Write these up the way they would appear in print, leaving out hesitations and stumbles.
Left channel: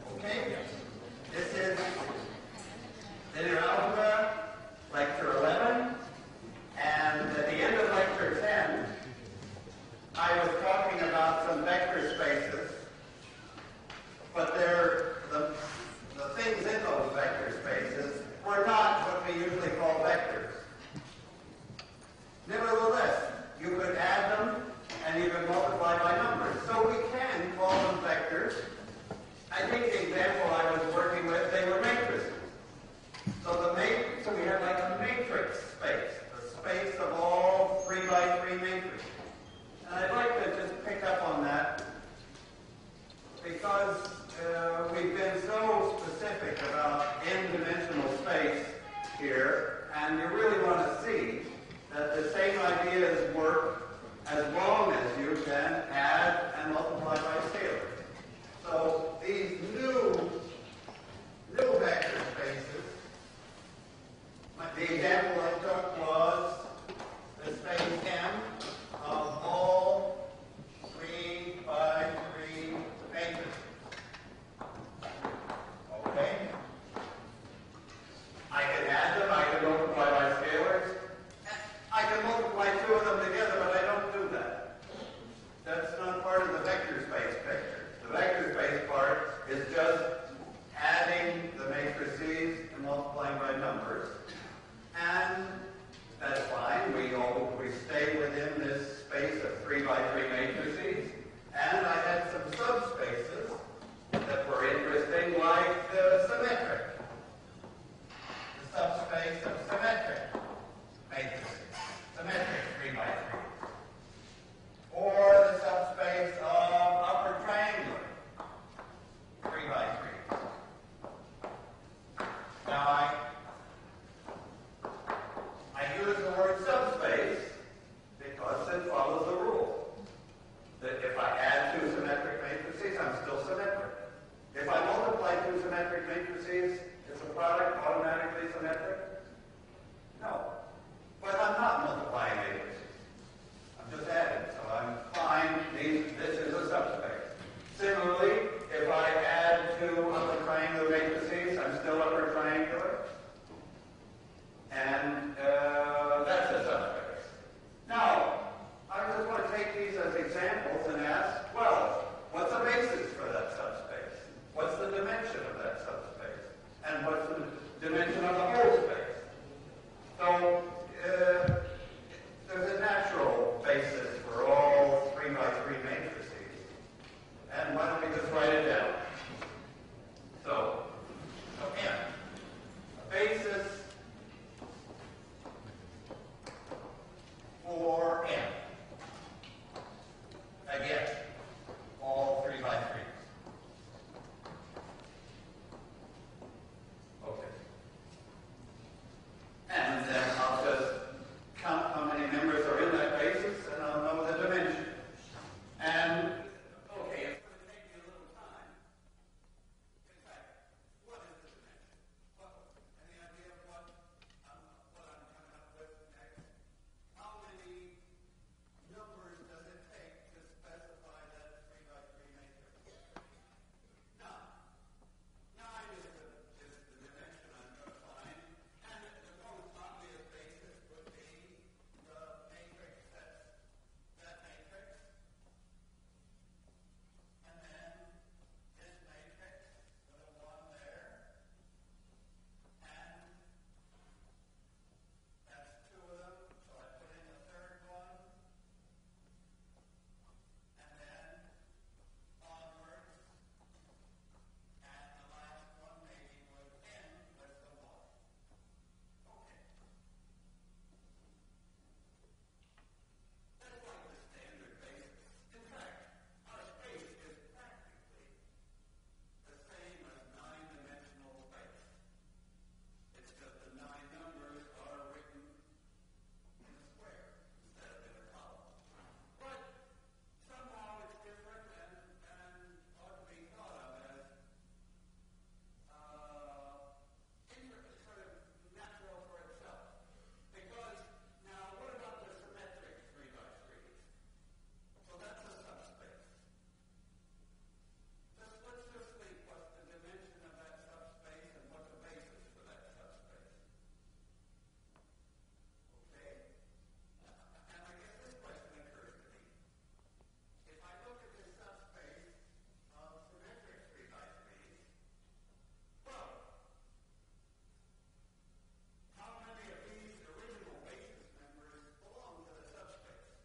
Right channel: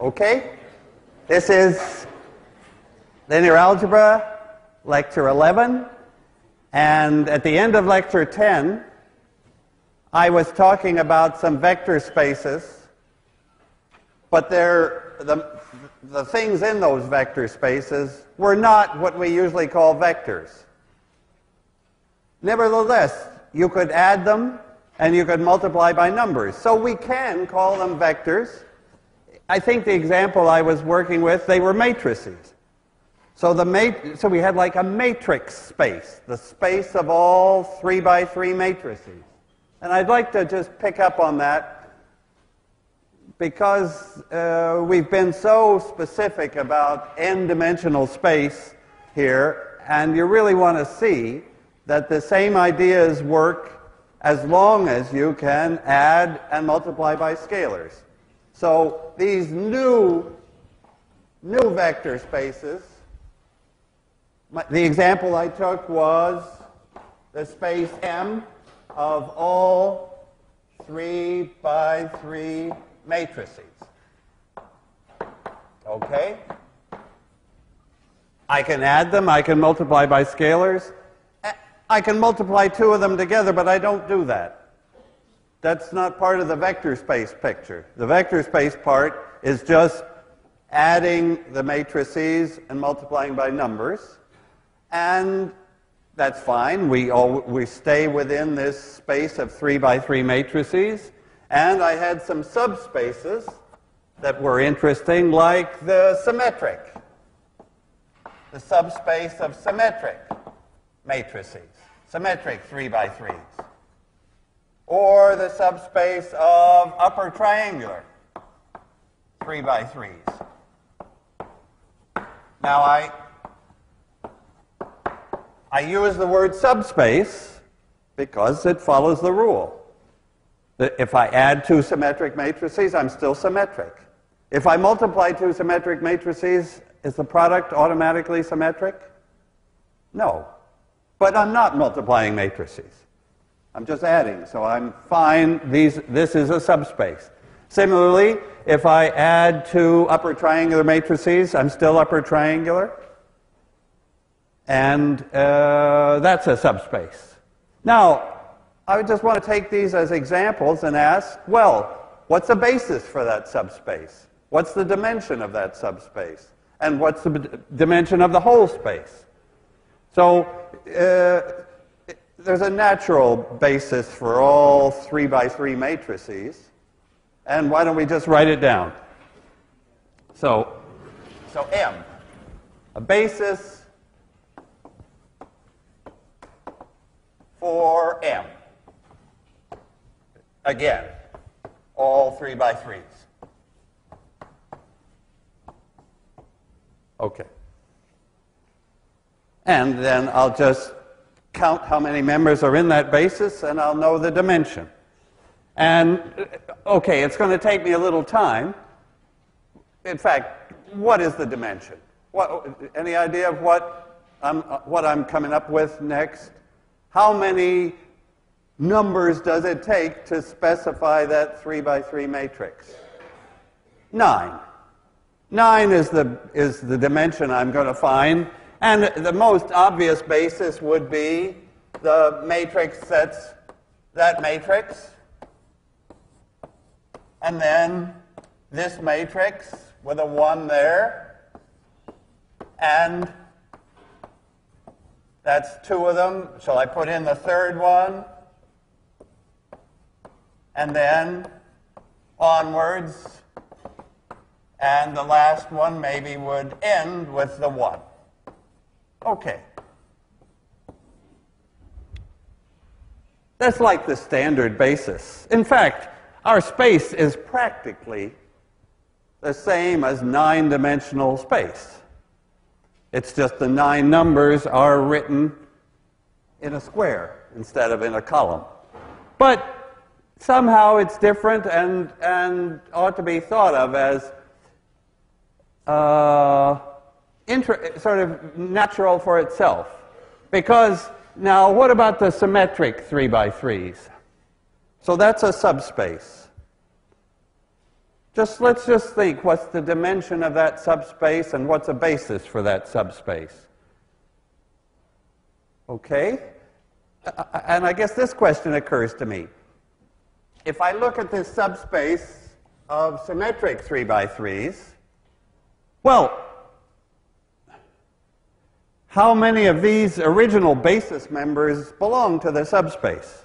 Okay? This is linear algebra, lecture 11. And at the end of lecture 10, I was talking about some vector spaces, but the things in those vector spaces were not what we usually call vectors. Nevertheless, you could add them and you could multiply by numbers. So we can call them vectors. I think the example I was working with, they were matrices. So we had like a matrix space, the space of all 3 by 3 matrices. And I'd like to just pick up on that because we've been so specific about n-dimensional space here, and you really want to see that the same ideas work as long as you can add and multiply by scalars. So these new vector spaces, the example I took was the space M of all 3 by 3 matrices. Okay? I can add them, I can multiply by scalars. I can multiply 2 of them together, but I don't do that. That's not part of the vector space picture. The vector space part is just adding the matrices and multiplying by numbers. And that's fine. We stay within this space of 3 by 3 matrices. And I had some subspaces that were interesting, like the symmetric, the subspace of symmetric matrices, symmetric 3 by 3s, or the subspace of upper triangular 3 by 3s. Now I use the word subspace because it follows the rule that if I add 2 symmetric matrices, I'm still symmetric. If I multiply 2 symmetric matrices, is the product automatically symmetric? No. But I'm not multiplying matrices. I'm just adding, so I'm fine. This is a subspace. Similarly, if I add 2 upper triangular matrices, I'm still upper triangular. And that's a subspace. Now, I just want to take these as examples and ask, well, what's the basis for that subspace? What's the dimension of that subspace? And what's the dimension of the whole space? So there's a natural basis for all 3 by 3 matrices. And why don't we just write it down? So M, a basis for M. Again, all 3 by 3s. Okay. And then I'll just count how many members are in that basis, and I'll know the dimension. And, okay, it's going to take me a little time. In fact, what is the dimension? Any idea of what I'm coming up with next? How many numbers does it take to specify that 3 by 3 matrix? 9. 9 is the dimension I'm going to find. And the most obvious basis would be the matrix that's that matrix. And then this matrix with a 1 there. And that's 2 of them. Shall I put in the third one? And then onwards. And the last one maybe would end with the 1. Okay. That's like the standard basis. In fact, our space is practically the same as 9-dimensional space. It's just the 9 numbers are written in a square instead of in a column. But somehow it's different and ought to be thought of as sort of natural for itself. Because now, what about the symmetric 3 by 3s? So that's a subspace. let's just think, what's the dimension of that subspace and what's a basis for that subspace? Okay? And I guess this question occurs to me. If I look at this subspace of symmetric 3 by 3s, well, how many of these original basis members belong to the subspace?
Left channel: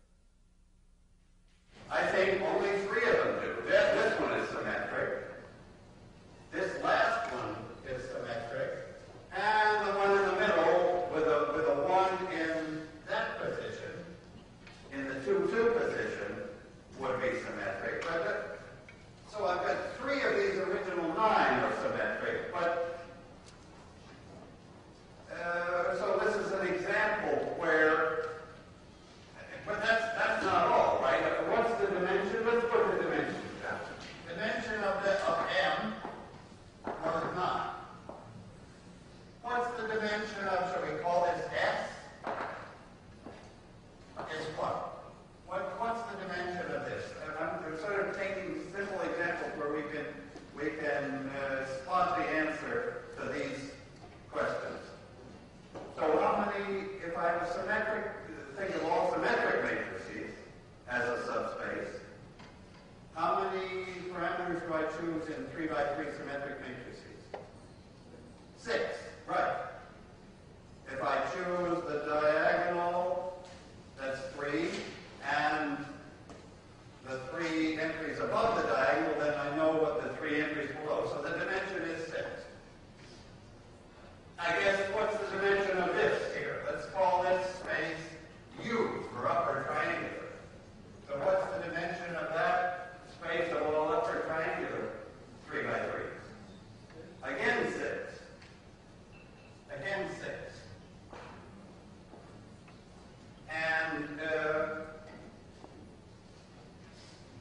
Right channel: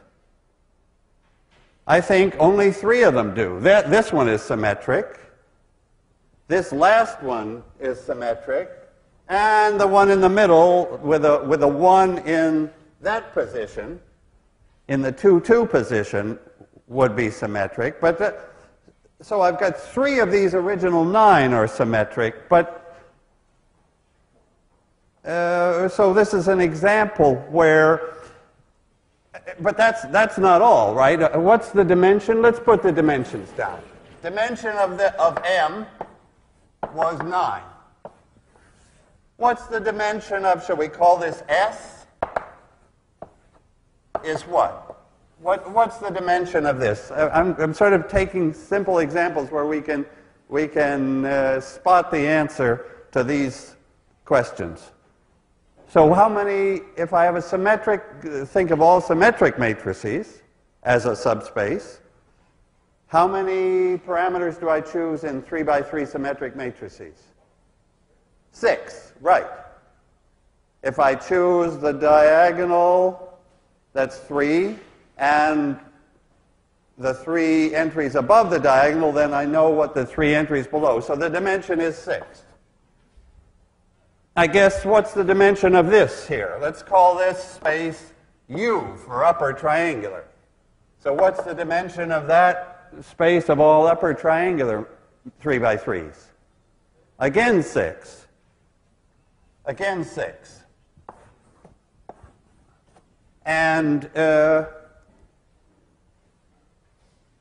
I think only 3 of them do. This one is symmetric. This last one is symmetric. And the one in the middle with a 1 in that position, in the 2-2 position, would be symmetric. But so I've got 3 of these original 9 are symmetric. But so this is an example where. But that's not all, right? What's the dimension? Let's put the dimensions down. Dimension of M was 9. What's the dimension of, shall we call this S? Is what? What's the dimension of this? I'm sort of taking simple examples where we can spot the answer to these questions. So how many, if I have a symmetric, think of all symmetric matrices as a subspace, how many parameters do I choose in 3 by 3 symmetric matrices? 6, right. If I choose the diagonal, that's 3, and the 3 entries above the diagonal, then I know what the 3 entries below. So the dimension is 6. I guess what's the dimension of this here? Let's call this space U for upper triangular. So what's the dimension of that space of all upper triangular 3 by 3s? Again 6. Again 6. And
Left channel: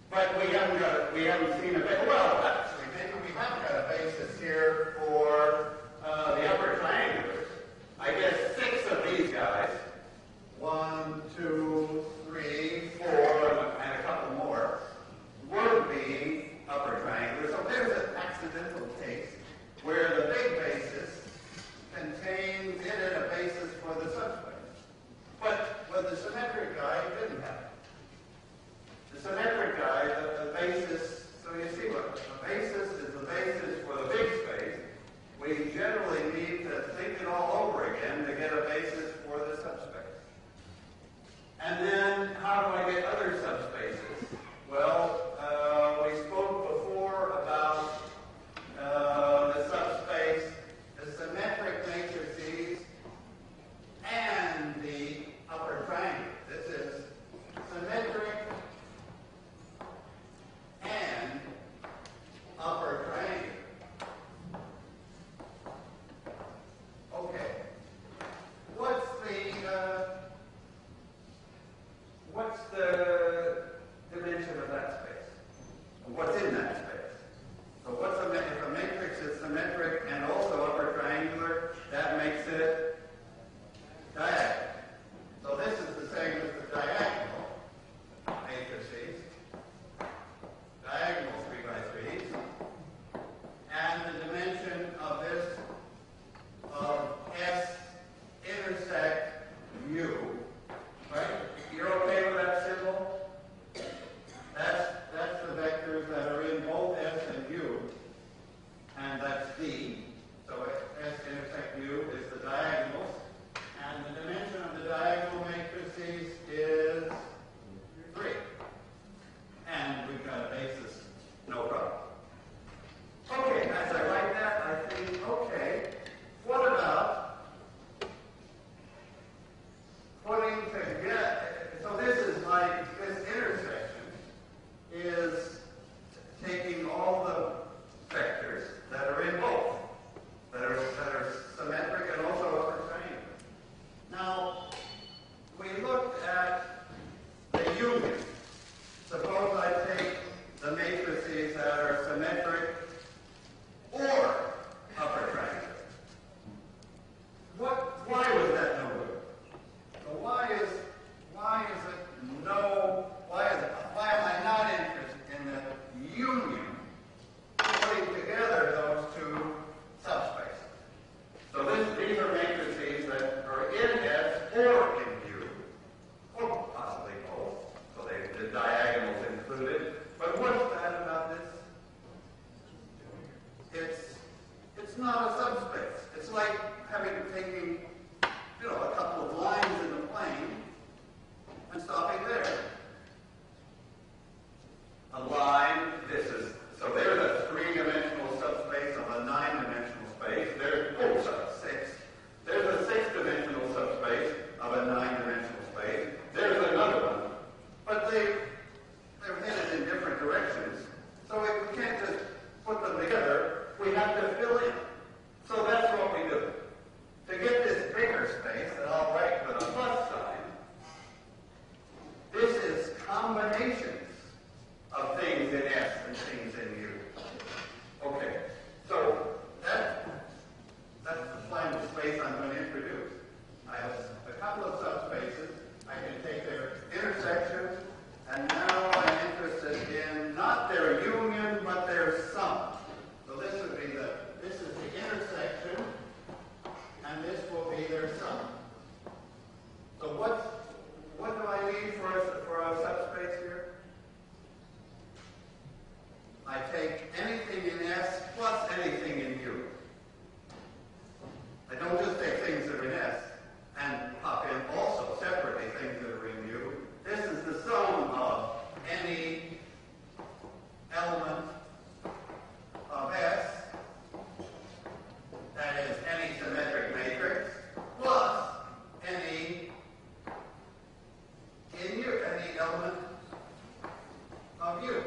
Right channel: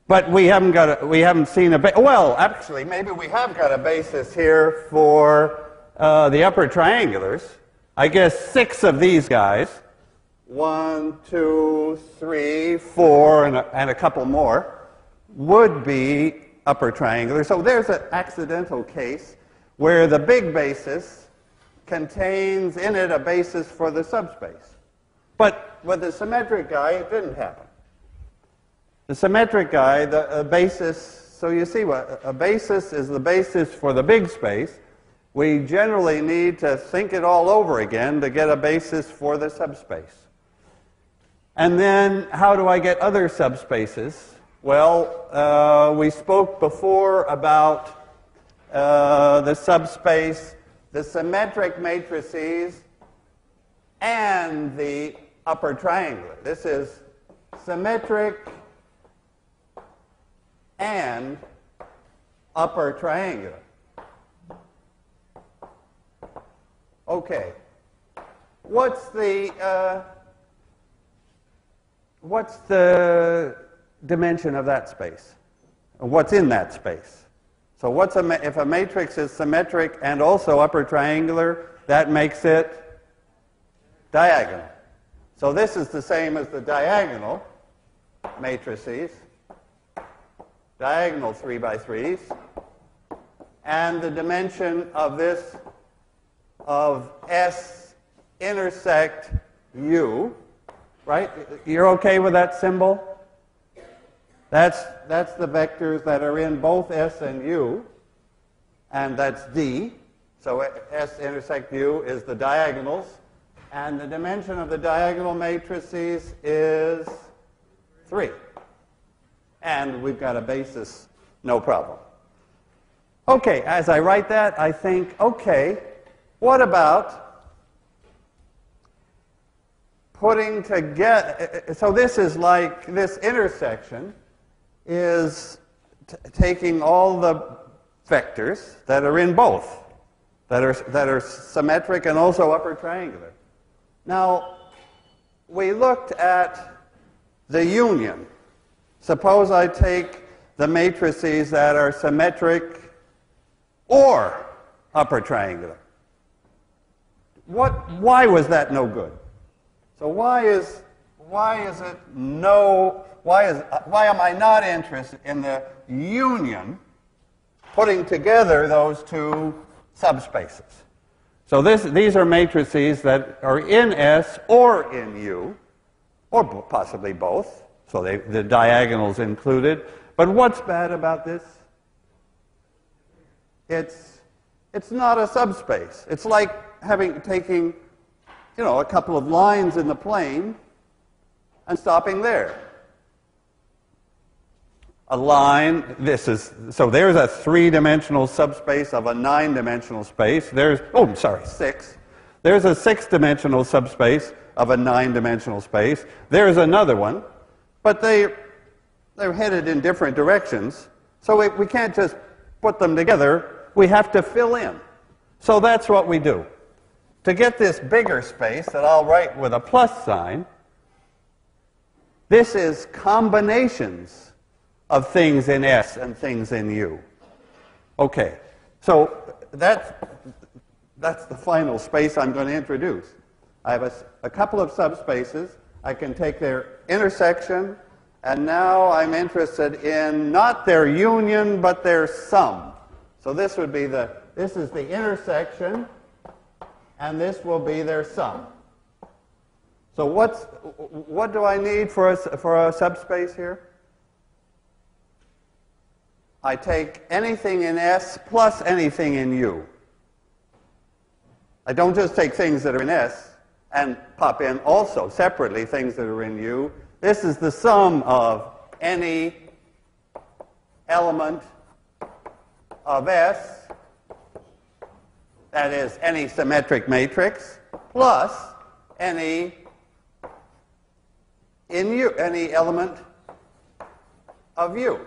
but we haven't seen well, actually, maybe we have got a basis here for the upper triangulars. I guess 6 of these guys, 1, 2, 3, 4, and a couple more, would be upper triangular. So there's an accidental case where the big basis contains in it a basis for the subspace. But with the symmetric guy, it didn't have it. The symmetric guy, the basis, so you see what a basis is, the basis for the big space. We generally need to think it all over again to get a basis for the subspace. And then how do I get other subspaces? Well, we spoke before about the subspace, the symmetric matrices, and the upper triangular. This is symmetric and upper triangular. Okay. What's the dimension of that space? What's in that space? So if a matrix is symmetric and also upper triangular, that makes it diagonal. So this is the same as the diagonal matrices, diagonal 3 by 3s, and the dimension of this of S intersect U, right? You're okay with that symbol? That's the vectors that are in both S and U, and that's D. So S intersect U is the diagonals, and the dimension of the diagonal matrices is 3. And we've got a basis, no problem. Okay, as I write that, I think, okay, what about putting together, so this is like, this intersection is taking all the vectors that are in both, that are symmetric and also upper triangular. Now, we looked at the union. Suppose I take the matrices that are symmetric or upper triangular. Why was that no good? So why am I not interested in the union putting together those two subspaces. So these are matrices that are in S or in U, or possibly both. So the diagonals included. But what's bad about this? It's not a subspace. It's like taking, a couple of lines in the plane and stopping there. A line, so there's a three-dimensional subspace of a nine-dimensional space. Six. There's a six-dimensional subspace of a nine-dimensional space. There's another one, but they're headed in different directions, so we can't just put them together. We have to fill in. So that's what we do. To get this bigger space that I'll write with a plus sign, this is combinations of things in S and things in U. Okay, so that's the final space I'm going to introduce. I have a couple of subspaces. I can take their intersection, and now I'm interested in not their union, but their sum. So this would be this is the intersection, and this will be their sum. So what do I need for a subspace here? I take anything in S plus anything in U. I don't just take things that are in S and pop in also separately things that are in U. This is the sum of any element of S, that is any symmetric matrix, plus any element of U.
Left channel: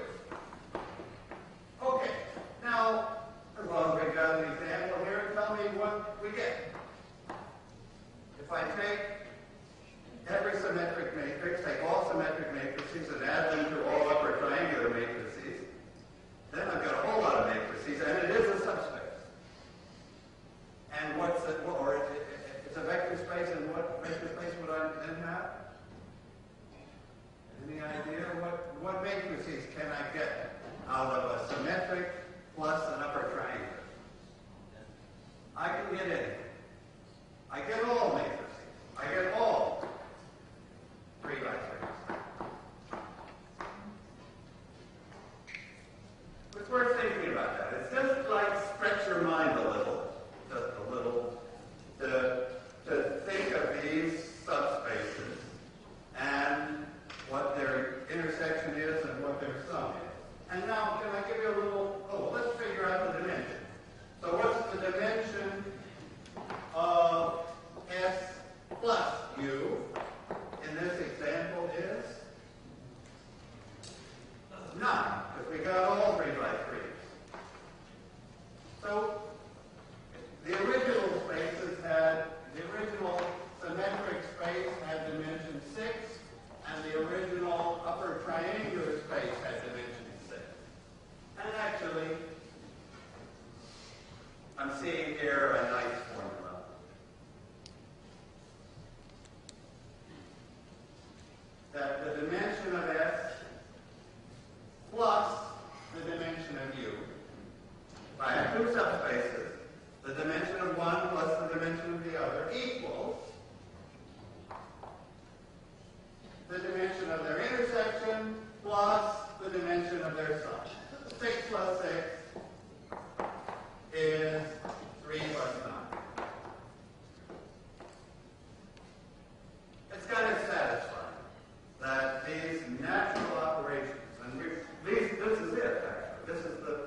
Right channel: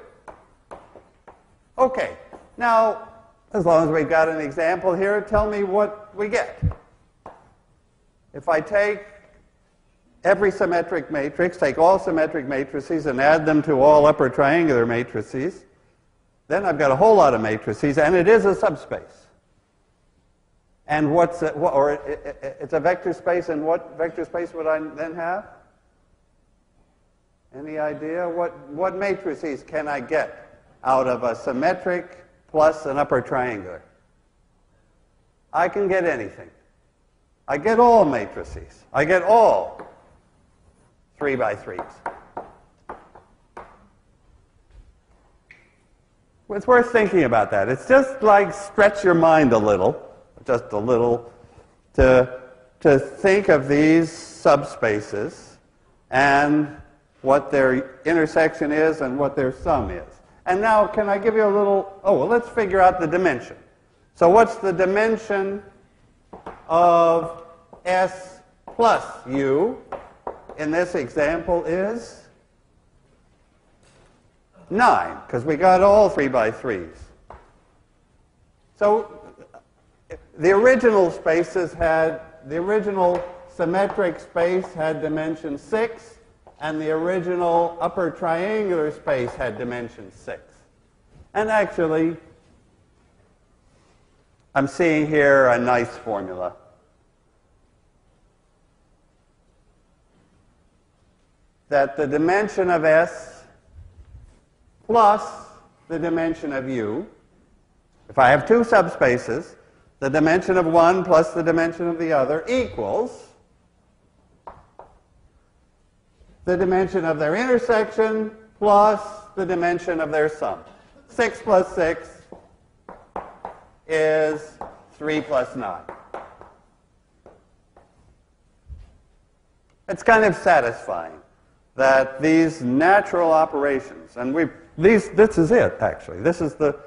Okay, now, as long as we've got an example here, tell me what we get. If I take every symmetric matrix, take all symmetric matrices and add them to all upper triangular matrices, then I've got a whole lot of matrices, and it is a subspace. And it's a vector space, and what vector space would I then have? Any idea? What matrices can I get out of a symmetric plus an upper triangular? I can get anything. I get all matrices. I get all 3 by 3s. It's worth thinking about that. It's just like stretch your mind a little, just a little, to think of these subspaces and what their intersection is and what their sum is. And now, can I give you a little, let's figure out the dimension. So what's the dimension of S plus U in this example is 9, because we got all 3 by 3s. So the original symmetric space had dimension 6, and the original upper triangular space had dimension 6. And actually, I'm seeing here a nice formula. That the dimension of S plus the dimension of U, if I have two subspaces, the dimension of one plus the dimension of the other equals the dimension of their intersection plus the dimension of their sum. 6 plus 6 is 3 plus 9. It's kind of satisfying that these natural operations, and this is it actually. This is the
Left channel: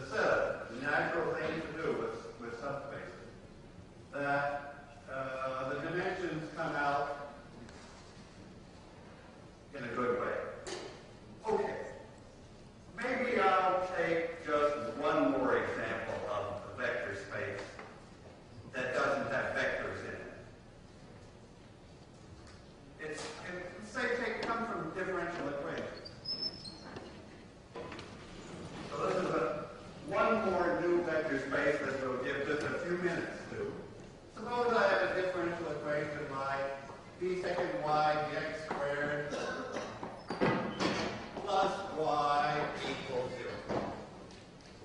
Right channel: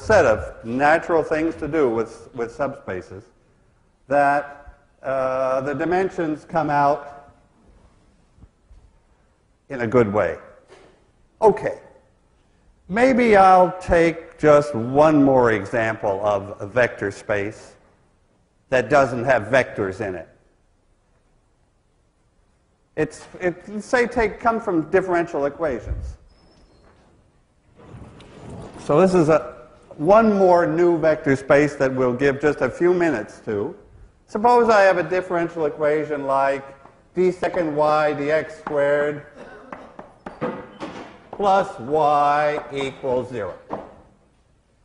set of natural things to do with subspaces, that the dimensions come out in a good way. Okay, maybe I'll take just one more example of a vector space that doesn't have vectors in it. Come from differential equations. So this is one more new vector space that we'll give just a few minutes to. Suppose I have a differential equation like d second y dx squared plus y equals 0.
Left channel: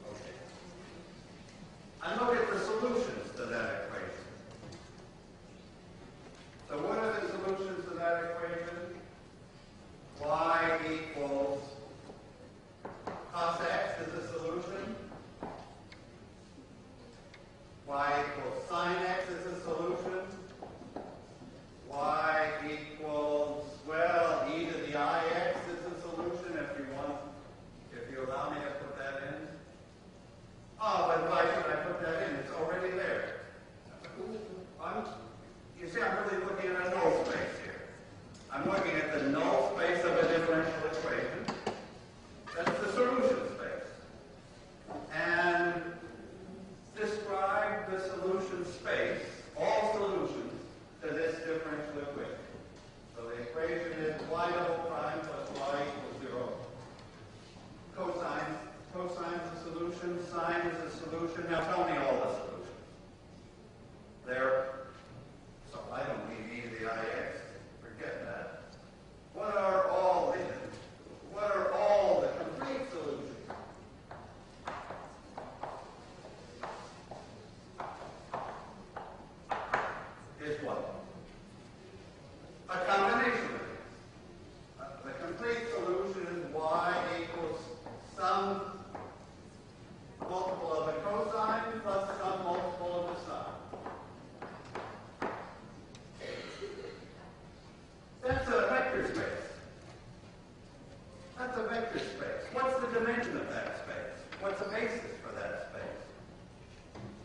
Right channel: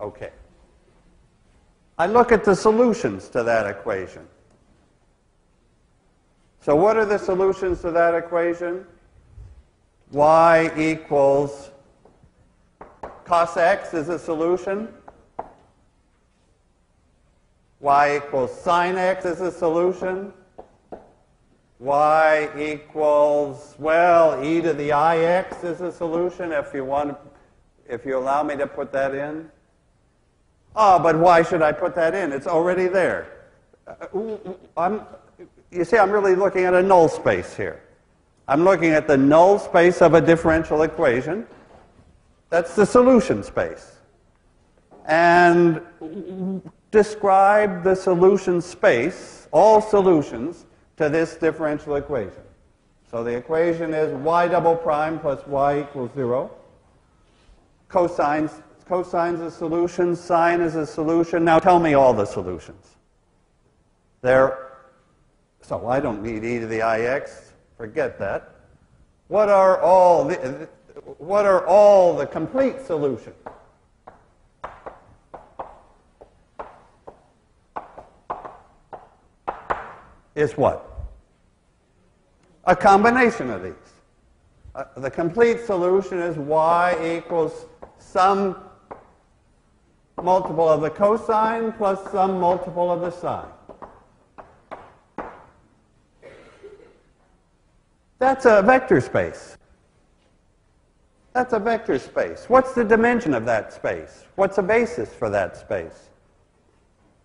Okay. I look at the solutions to that equation. So what are the solutions to that equation? Y equals cos x is a solution. Y equals sine x is a solution. Y equals, well, e to the ix is a solution if you allow me to put that in. Oh, but why should I put that in? It's already there. You see, I'm really looking at a null space here. I'm looking at the null space of a differential equation. That's the solution space. And describe the solution space, all solutions, to this differential equation. So the equation is y double prime plus y equals 0. Cosine's a solution, sine is a solution. Now tell me all the solutions. So I don't need e to the ix. Forget that. What are all the complete solutions? Is what? A combination of these. The complete solution is y equals some multiple of the cosine plus some multiple of the sine. That's a vector space. That's a vector space. What's the dimension of that space? What's a basis for that space?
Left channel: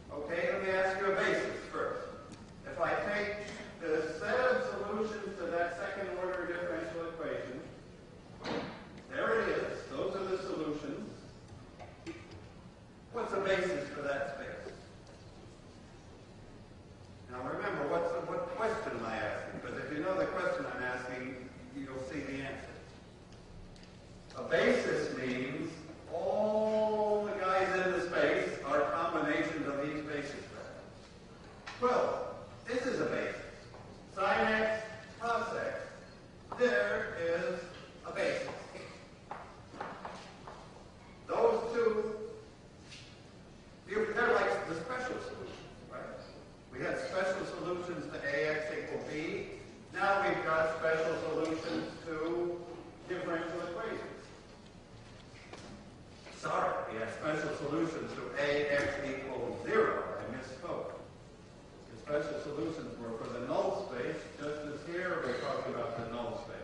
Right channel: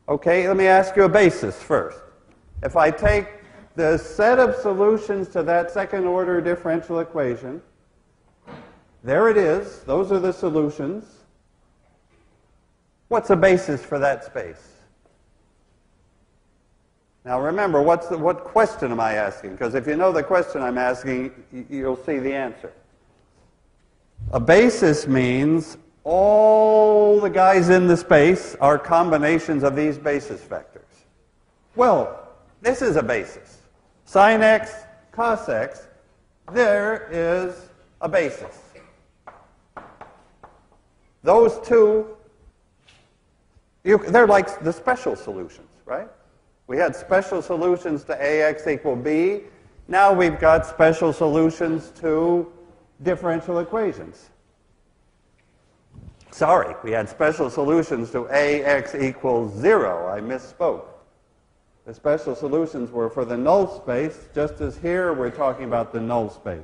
Okay, let me ask you a basis first. If I take the set of solutions to that second order differential equation, there it is. Those are the solutions. What's a basis for that space? Now remember, what question am I asking? Because if you know the question I'm asking, you'll see the answer. A basis means all the guys in the space are combinations of these basis vectors. Well, this is a basis. Sine x, cos x, there is a basis. Those two, they're like the special solutions, right? We had special solutions to ax equal b. Now we've got special solutions to differential equations. Sorry, we had special solutions to ax equals 0. I misspoke. The special solutions were for the null space, just as here we're talking about the null space.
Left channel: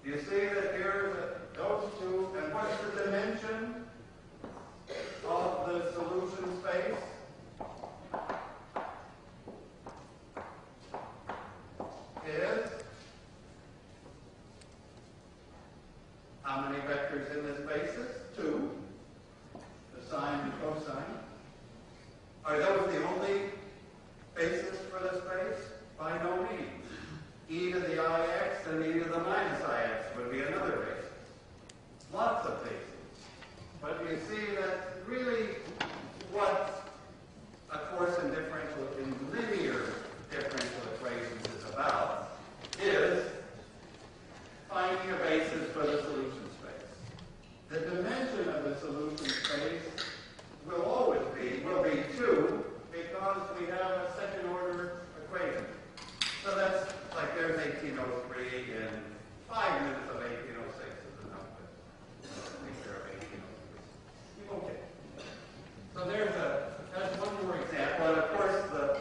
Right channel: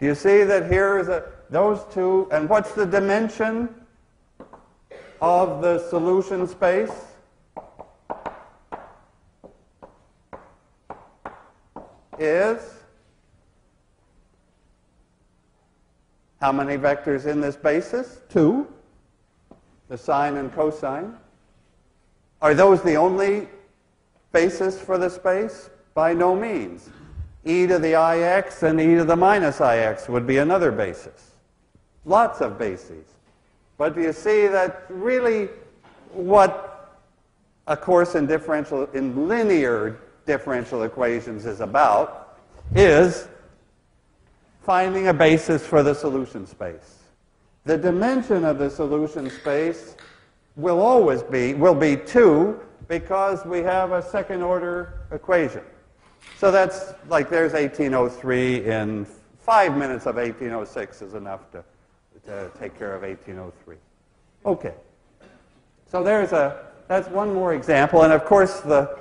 Do you see that here is those two, and what's the dimension of the solution space? Is how many vectors in this basis? 2. The sine and cosine. Are those the only basis for the space? By no means. E to the ix and e to the minus ix would be another basis. Lots of bases. But you see that really what a course in linear differential equations is about is finding a basis for the solution space. The dimension of the solution space will be 2 because we have a second order equation. So that's like there's 1803 in 5 minutes of 1806 is enough to take care of 1803. Okay. So that's one more example, and of course the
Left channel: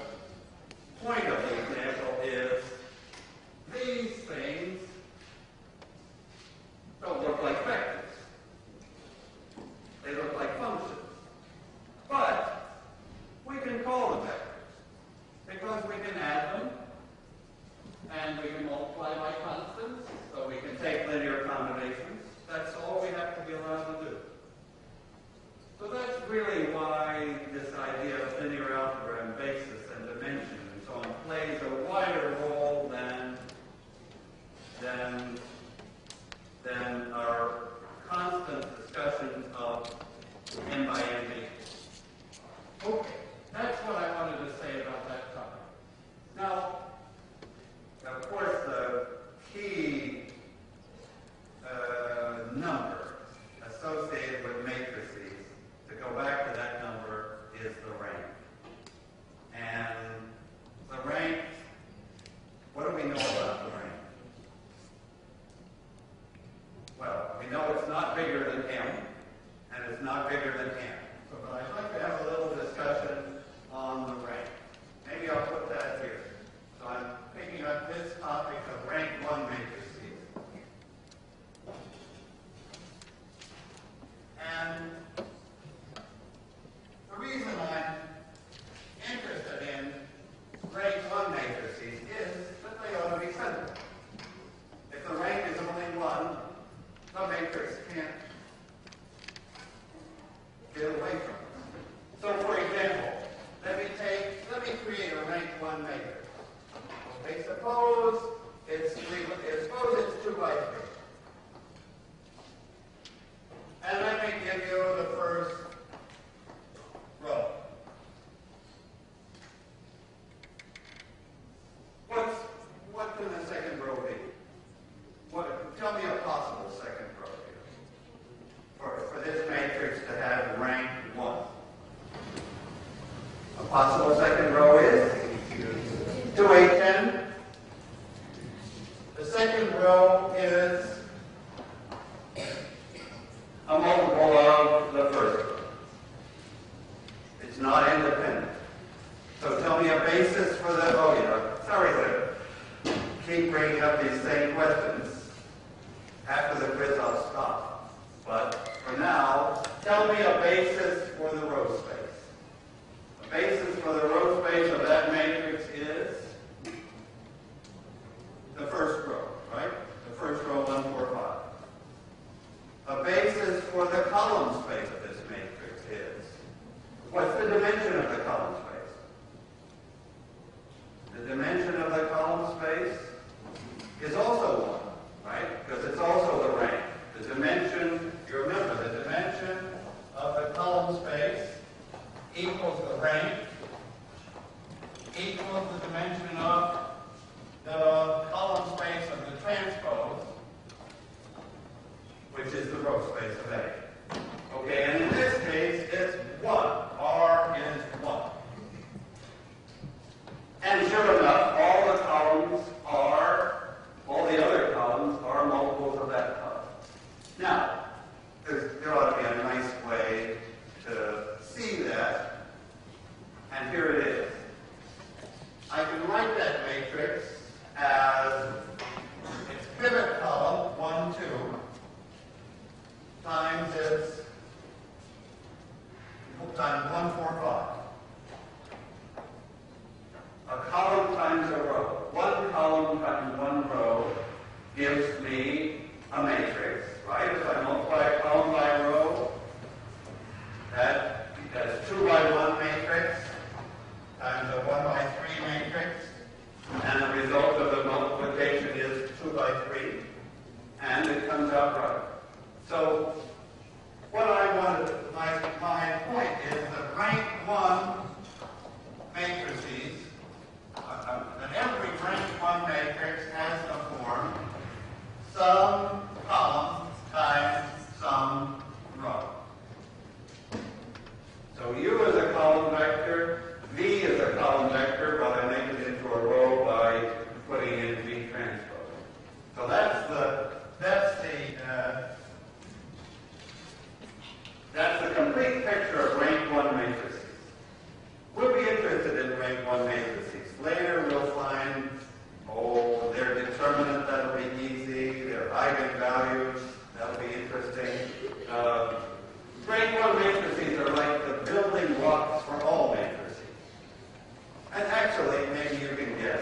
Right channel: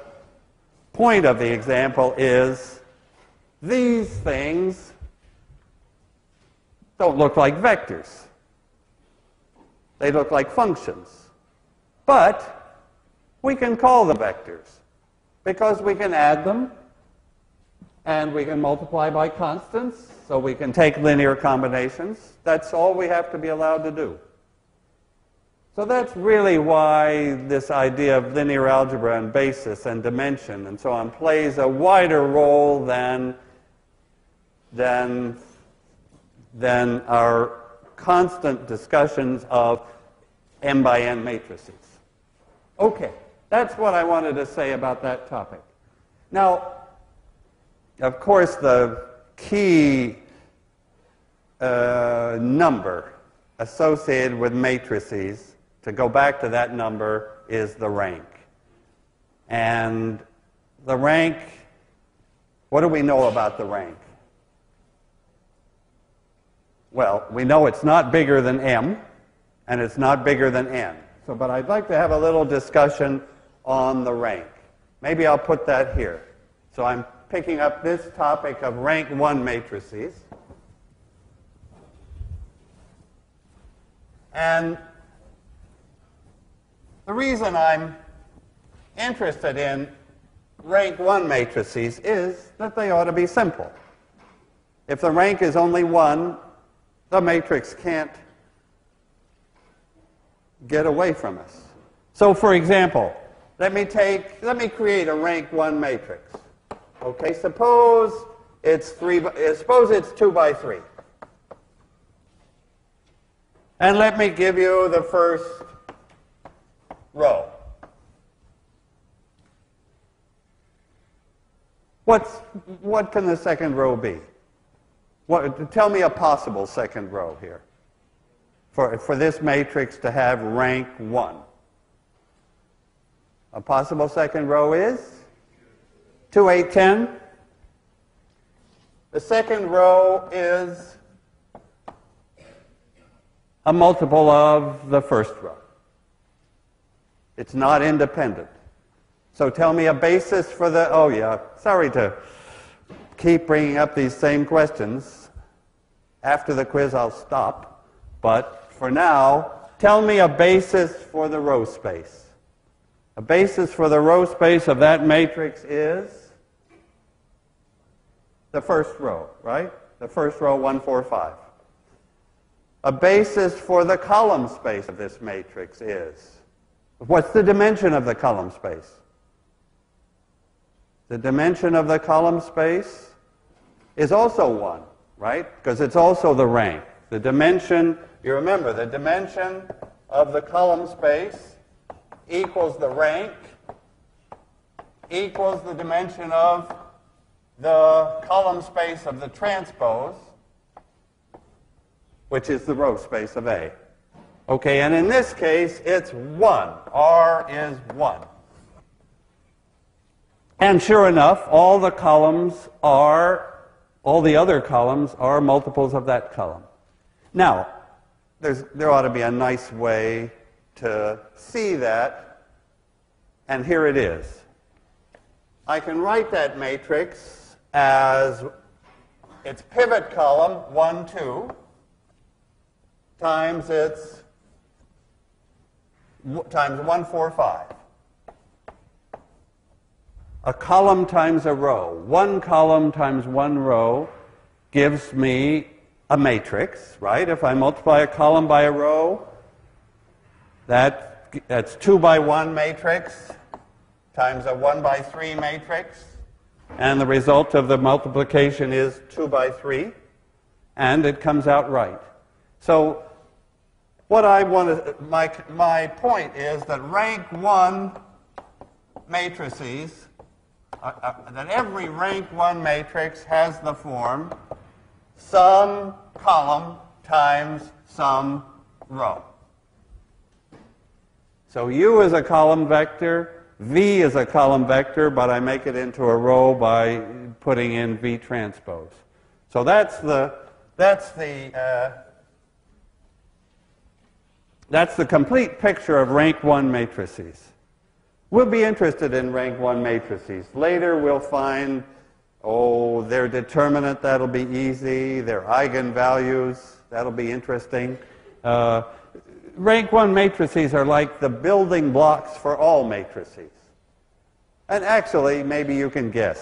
point of the example is these things don't look like vectors. They look like functions. But we can call them vectors because we can add them and we can multiply by constants, so we can take linear combinations. That's all we have to be allowed to do. So that's really why this idea of linear algebra and basis and dimension and so on plays a wider role than our constant discussions of m by n matrices. Okay, that's what I wanted to say about that topic. Now, of course, the key number associated with matrices to go back to that number, is the rank. And the rank, what do we know about the rank? Well, we know it's not bigger than m, and it's not bigger than n. So, but I'd like to have a little discussion on the rank. Maybe I'll put that here. So I'm picking up this topic of rank 1 matrices. And the reason I'm interested in rank 1 matrices is that they ought to be simple. If the rank is only 1, the matrix can't get away from us. So for example, let me create a rank 1 matrix. Okay, suppose it's 2 by 3. And let me give you the first row. What can the second row be? Tell me a possible second row here for this matrix to have rank 1. A possible second row is 2a10. The second row is a multiple of the first row. It's not independent. So tell me a basis for the, oh yeah, sorry to keep bringing up these same questions. After the quiz I'll stop. But for now, tell me a basis for the row space. A basis for the row space of that matrix is the first row, right? The first row, 1, 4, 5. A basis for the column space of this matrix is, what's the dimension of the column space? The dimension of the column space is also 1, right? Because it's also the rank. The dimension, you remember, the dimension of the column space equals the rank equals the dimension of the column space of the transpose, which is the row space of A. Okay, and in this case, it's 1. R is 1. And sure enough, all the other columns are multiples of that column. Now, there ought to be a nice way to see that, and here it is. I can write that matrix as its pivot column, 1, 2, times 1, 4, 5. A column times a row. One column times one row gives me a matrix, right? If I multiply a column by a row, that's 2 by 1 matrix times a 1 by 3 matrix. And the result of the multiplication is 2 by 3. And it comes out right. So what I want to, my point is that rank 1 matrices, that every rank 1 matrix has the form some column times some row. So U is a column vector, V is a column vector, but I make it into a row by putting in V transpose. So that's the complete picture of rank 1 matrices. We'll be interested in rank 1 matrices. Later we'll find, their determinant, that'll be easy. Their eigenvalues, that'll be interesting. Rank 1 matrices are like the building blocks for all matrices. And actually, maybe you can guess.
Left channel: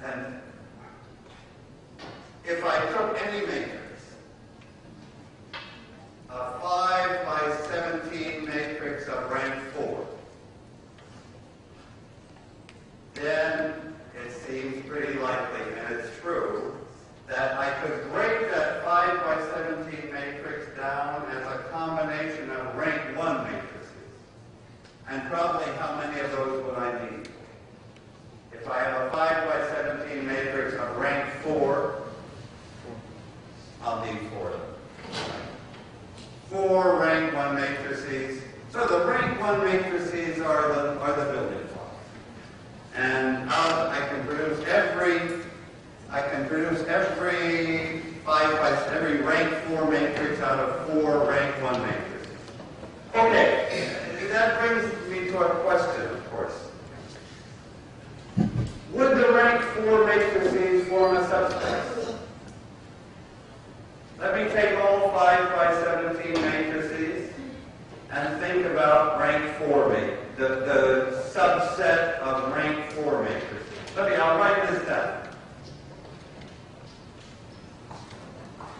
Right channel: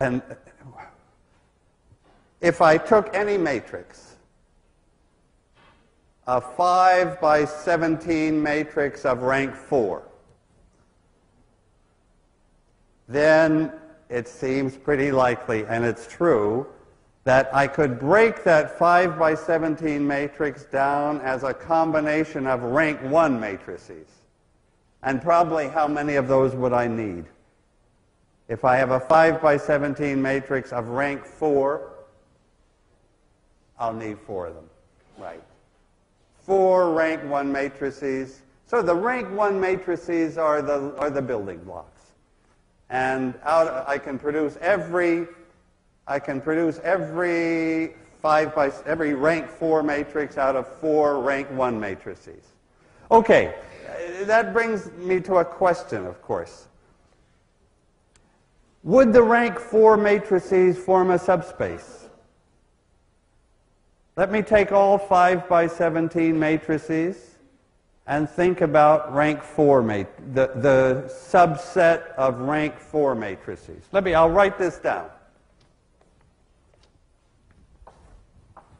And if I took any matrix, a 5 by 17 matrix of rank 4, then it seems pretty likely, and it's true, that I could break that 5 by 17 matrix down as a combination of rank 1 matrices. And probably how many of those would I need? If I have a 5 by 17 matrix of rank 4, I'll need 4 of them. 4 rank 1 matrices. So the rank 1 matrices are the building blocks. And out I can produce every every rank 4 matrix out of 4 rank 1 matrices. Okay, that brings me to a question, of course. Would the rank 4 matrices form a subspace? Let me take all 5 by 17 matrices and think about rank 4 the subset of rank 4 matrices. I'll write this down.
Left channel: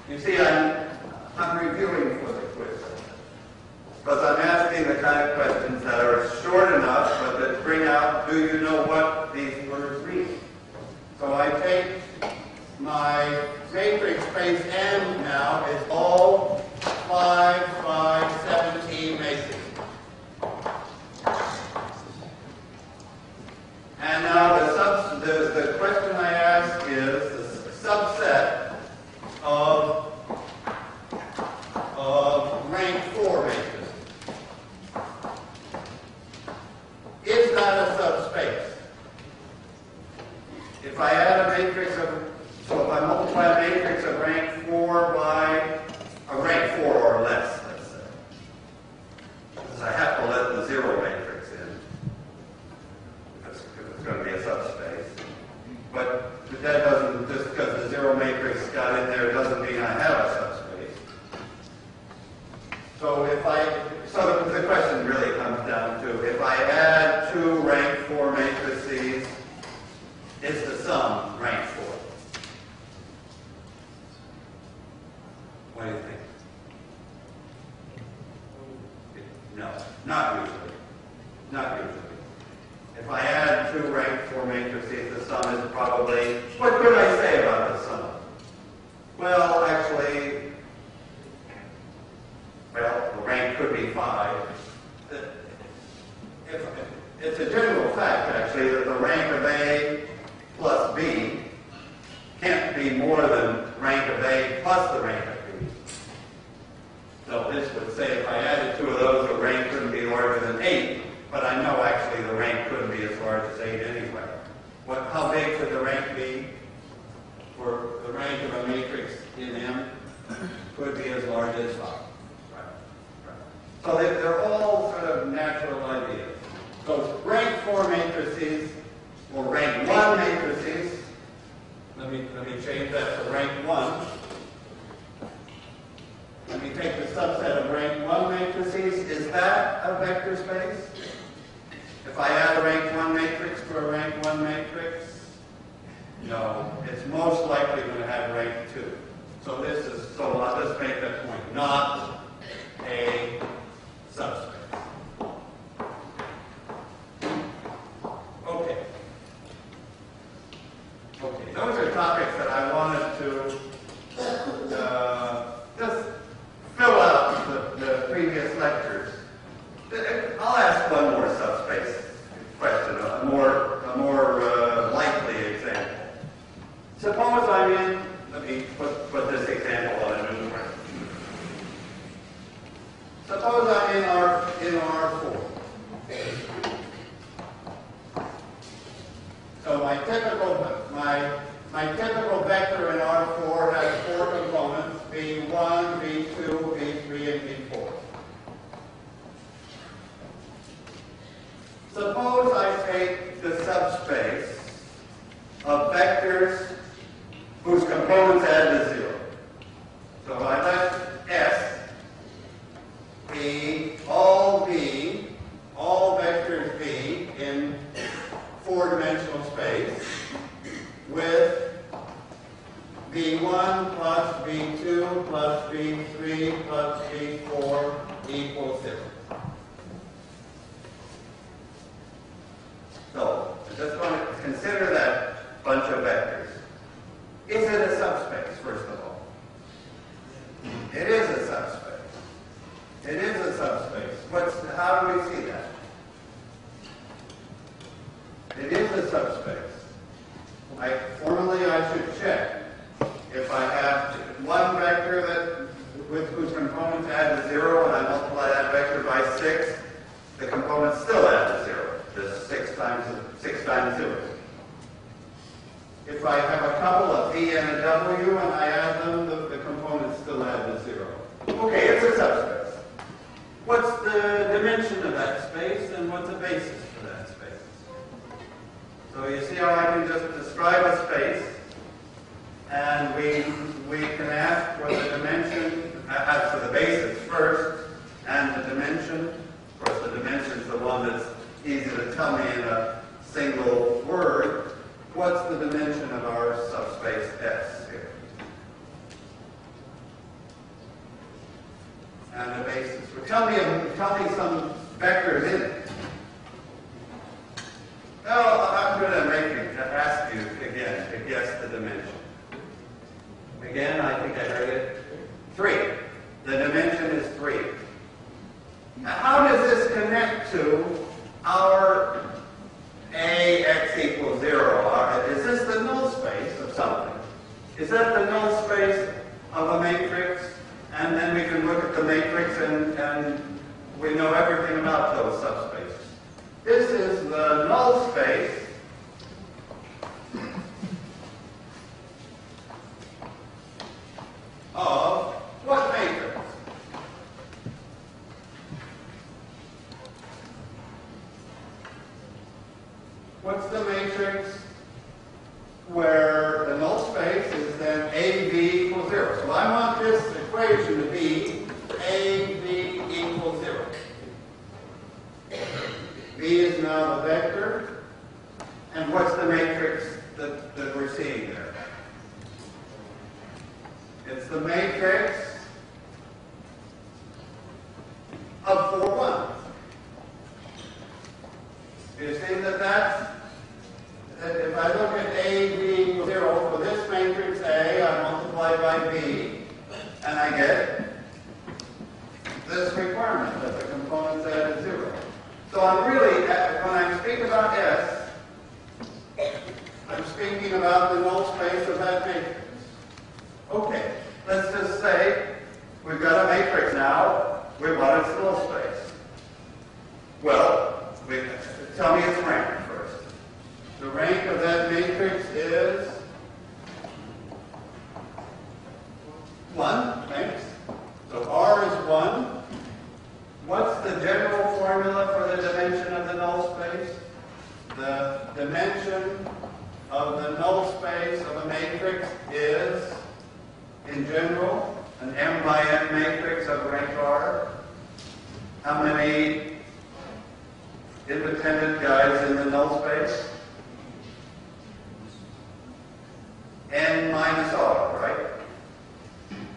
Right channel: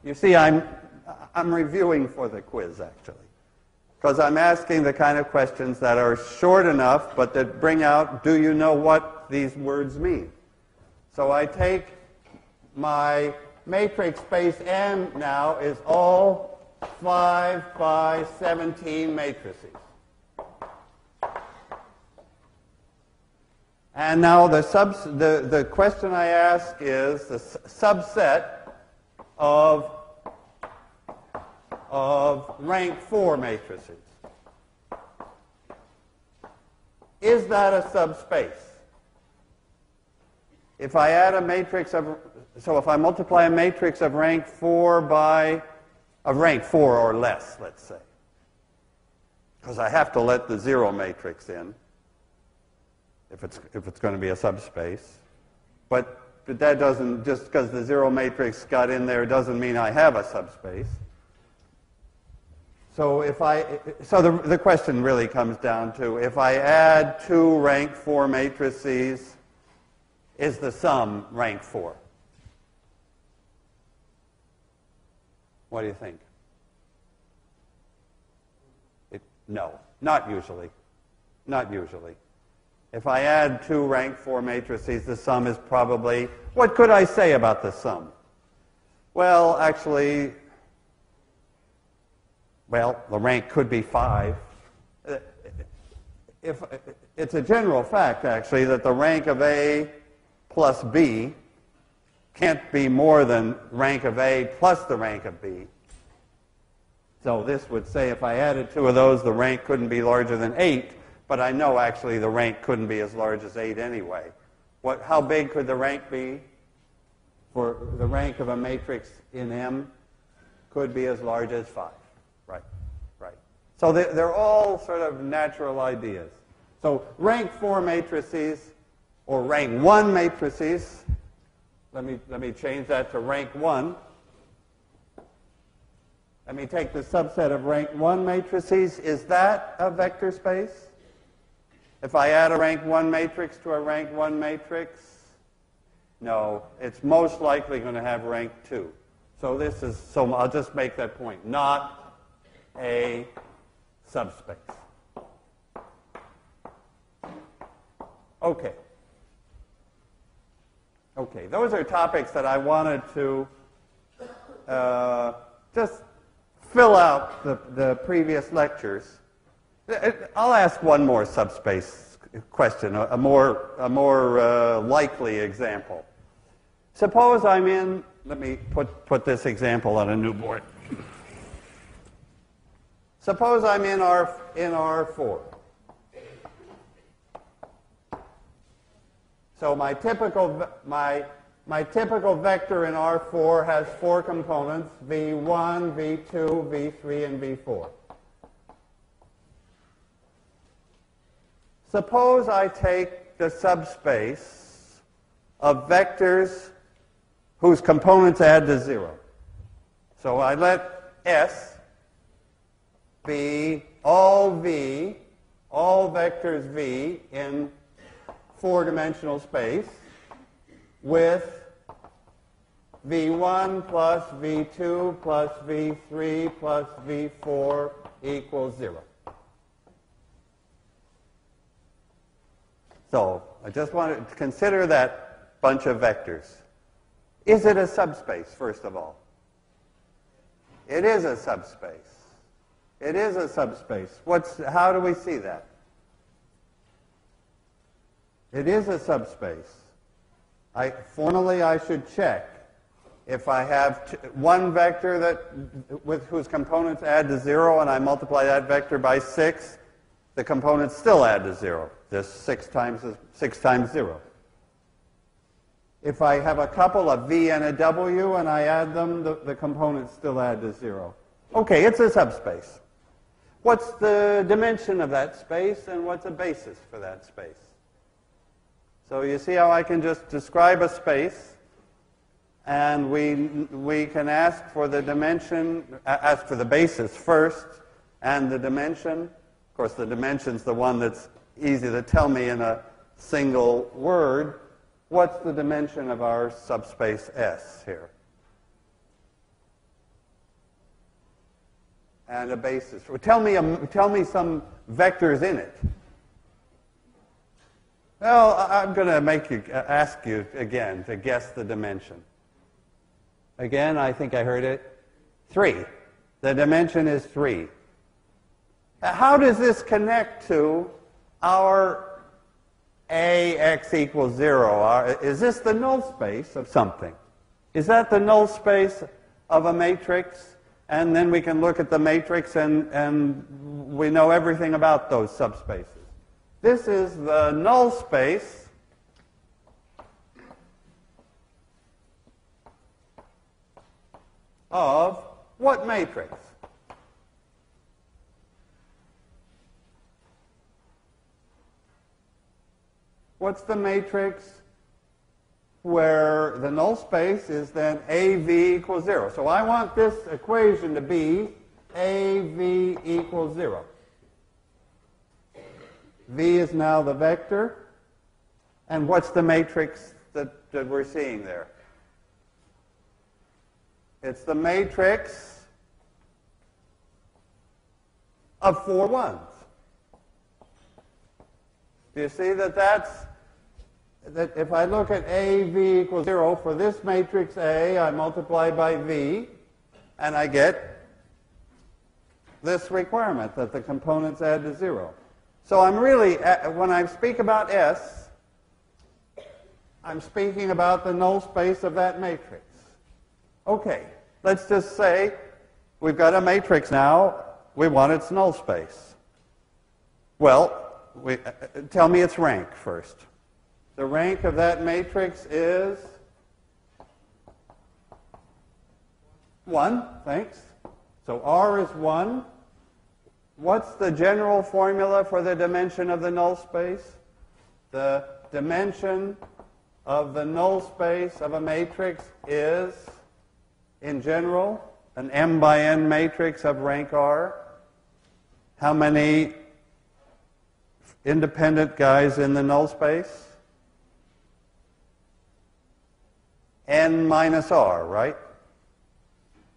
You see, I'm reviewing for the quiz, because I'm asking the kind of questions that are short enough, but that bring out, do you know what these words mean? So I take my matrix space M now is all 5 by 17 matrices. And now the question I ask is the subset of rank 4 matrices. Is that a subspace? If I add a matrix of, so if I multiply a matrix of rank 4 by of rank 4 or less, let's say, because I have to let the 0 matrix in if it's going to be a subspace. But that doesn't, just because the 0 matrix got in there doesn't mean I have a subspace. So the question really comes down to, if I add 2 rank 4 matrices, is the sum rank 4? What do you think? No, not usually. Not usually. If I add 2 rank 4 matrices, the sum is probably, what could I say about the sum? Well, actually, the rank could be 5. It's a general fact, actually, that the rank of A plus B can't be more than rank of A plus the rank of B. So this would say if I added 2 of those, the rank couldn't be larger than 8, but I know actually the rank couldn't be as large as 8 anyway. How big could the rank be? For the rank of a matrix in M could be as large as 5. Right. So they're all sort of natural ideas. So rank 4 matrices, or rank 1 matrices, let me change that to rank 1. Let me take the subset of rank 1 matrices. Is that a vector space? If I add a rank 1 matrix to a rank 1 matrix, no, it's most likely going to have rank 2. So I'll just make that point. Not a subspace. Okay. Those are topics that I wanted to just fill out the previous lectures. I'll ask one more subspace question, a more likely example. Suppose I'm in, let me put this example on a new board. Suppose I'm in R4. So my typical vector in R4 has 4 components, V1, V2, V3, and V4. Suppose I take the subspace of vectors whose components add to 0. So I let S be all vectors V in 4-dimensional space with V1 plus V2 plus V3 plus V4 equals 0. So I just want to consider that bunch of vectors. Is it a subspace, first of all? It is a subspace. It is a subspace. How do we see that? It is a subspace. Formally, I should check. if I have one vector that with whose components add to 0 and I multiply that vector by 6, the components still add to 0, just 6 times 0. If I have a couple, a v and a w, and I add them, the components still add to 0. Okay, it's a subspace. What's the dimension of that space, and what's the basis for that space? So you see how I can just describe a space, and we can ask for the dimension, ask for the basis first, and the dimension. Of course, the dimension is the one that's easy to tell me in a single word. What's the dimension of our subspace S here? And a basis. Well, tell me some vectors in it. Well, I'm going to ask you again to guess the dimension. Again, I think I heard it. 3. The dimension is 3. Now, how does this connect to our AX equals 0? Is this the null space of something? Is that the null space of a matrix? And then we can look at the matrix and we know everything about those subspaces. This is the null space of what matrix? What's the matrix where the null space is then AV equals 0? So I want this equation to be AV equals 0. V is now the vector. And what's the matrix that we're seeing there? It's the matrix of 4 ones. Do you see that if I look at AV equals 0 for this matrix A, I multiply by B, and I get this requirement that the components add to 0. So I'm really, when I speak about S, I'm speaking about the null space of that matrix. Okay, let's just say we've got a matrix now. We want its null space. Well, tell me its rank first. The rank of that matrix is 1. Thanks. So R is 1. What's the general formula for the dimension of the null space? The dimension of the null space of a matrix is, in general, an m by n matrix of rank R. How many independent guys in the null space? N minus R, right?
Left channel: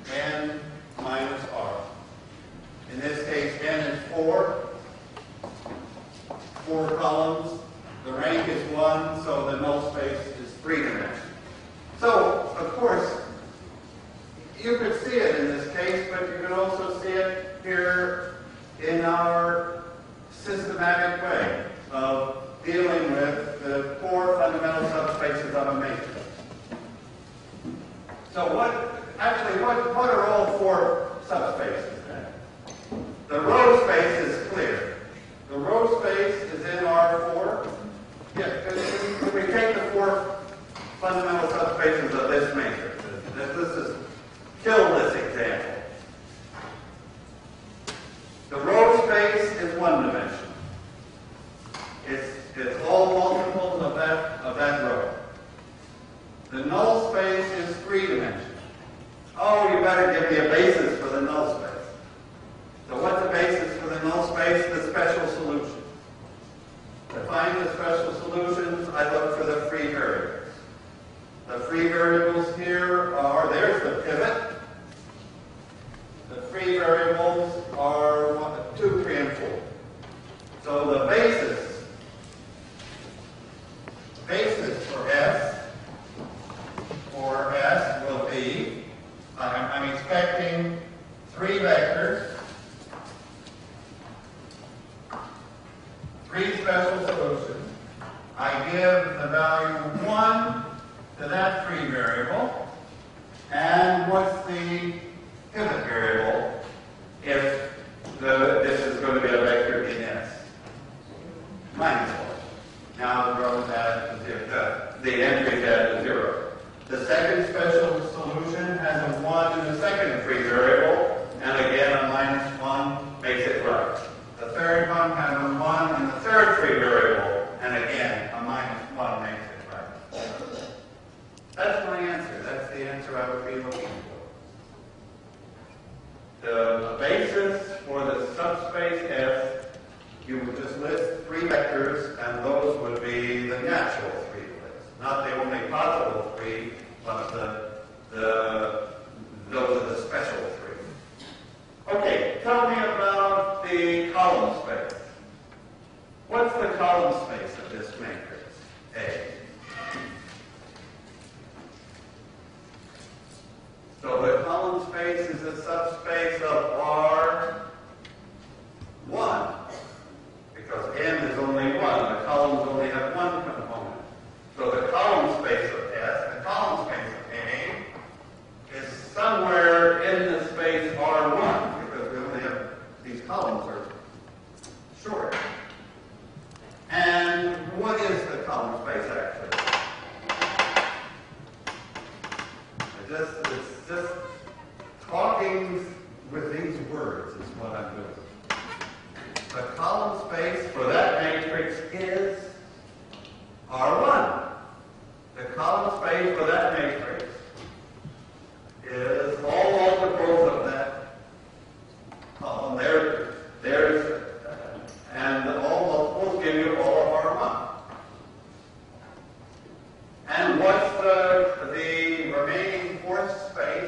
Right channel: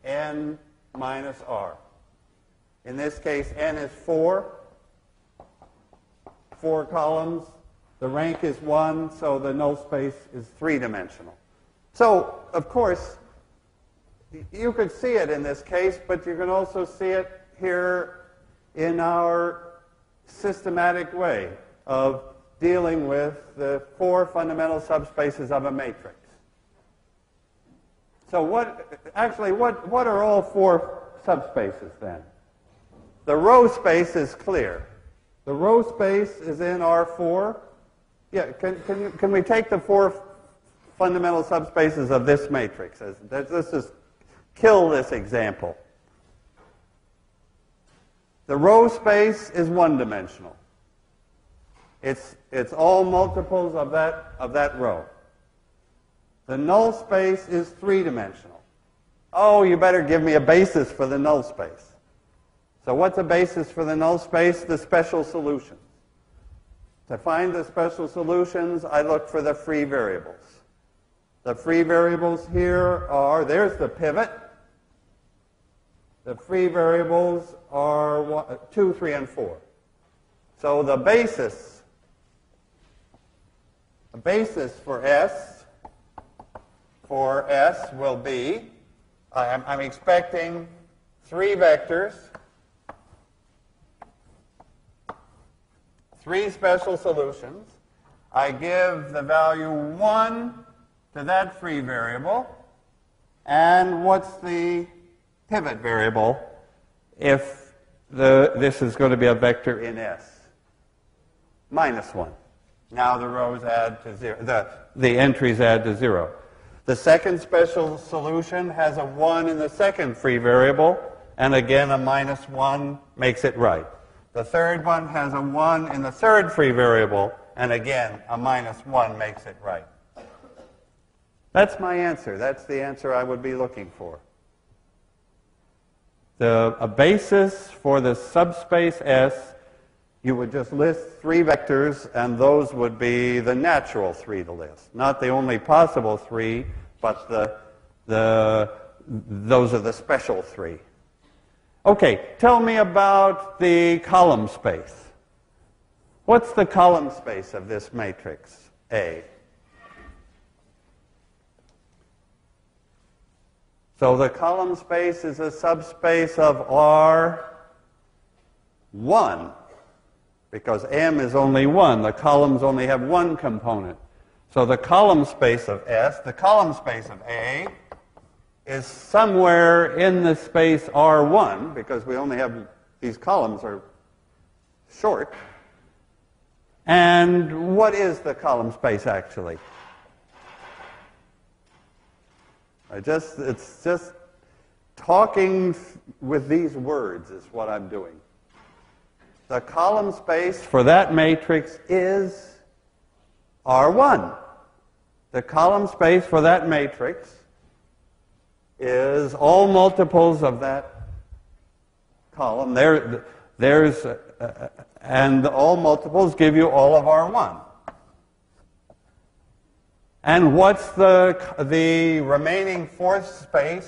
N minus R. In this case, N is 4. 4 columns. The rank is 1, so the null space is 3-dimensional. So, of course, you could see it in this case, but you can also see it here in our systematic way of dealing with the 4 fundamental subspaces of a matrix. So what are all 4 subspaces then? The row space is clear. The row space is in R4. Yeah, can we take the 4 fundamental subspaces of this matrix? Let's just kill this example. The row space is 1-dimensional. It's all multiples of that row. The null space is 3-dimensional. Oh, you better give me a basis for the null space. So what's the basis for the null space? The special solution. To find the special solutions, I look for the free variables. The free variables here are, there's the pivot. The free variables are 2, 3, and 4. So the basis for S will be, I'm expecting 3 vectors, 3 special solutions. I give the value 1 to that free variable, And what's the pivot variable if this is going to be a vector in S? -1. Now the rows add to 0. The entries add to 0. The second special solution has a 1 in the second free variable, and again a -1 makes it right. The third one has a 1 in the third free variable, and again a -1 makes it right. That's my answer. That's the answer I would be looking for. A basis for the subspace S, you would just list 3 vectors, and those would be the natural 3 to list. Not the only possible 3, but those are the special 3. Okay, tell me about the column space. What's the column space of this matrix, A? So the column space is a subspace of R1, because M is only 1. The columns only have 1 component. So the column space of S, the column space of A, is somewhere in the space R1, because we only have, these columns are short. And what is the column space actually? It's just talking with these words is what I'm doing. The column space for that matrix is R1. The column space for that matrix is all multiples of that column. And all multiples give you all of R1. And what's the remaining fourth space?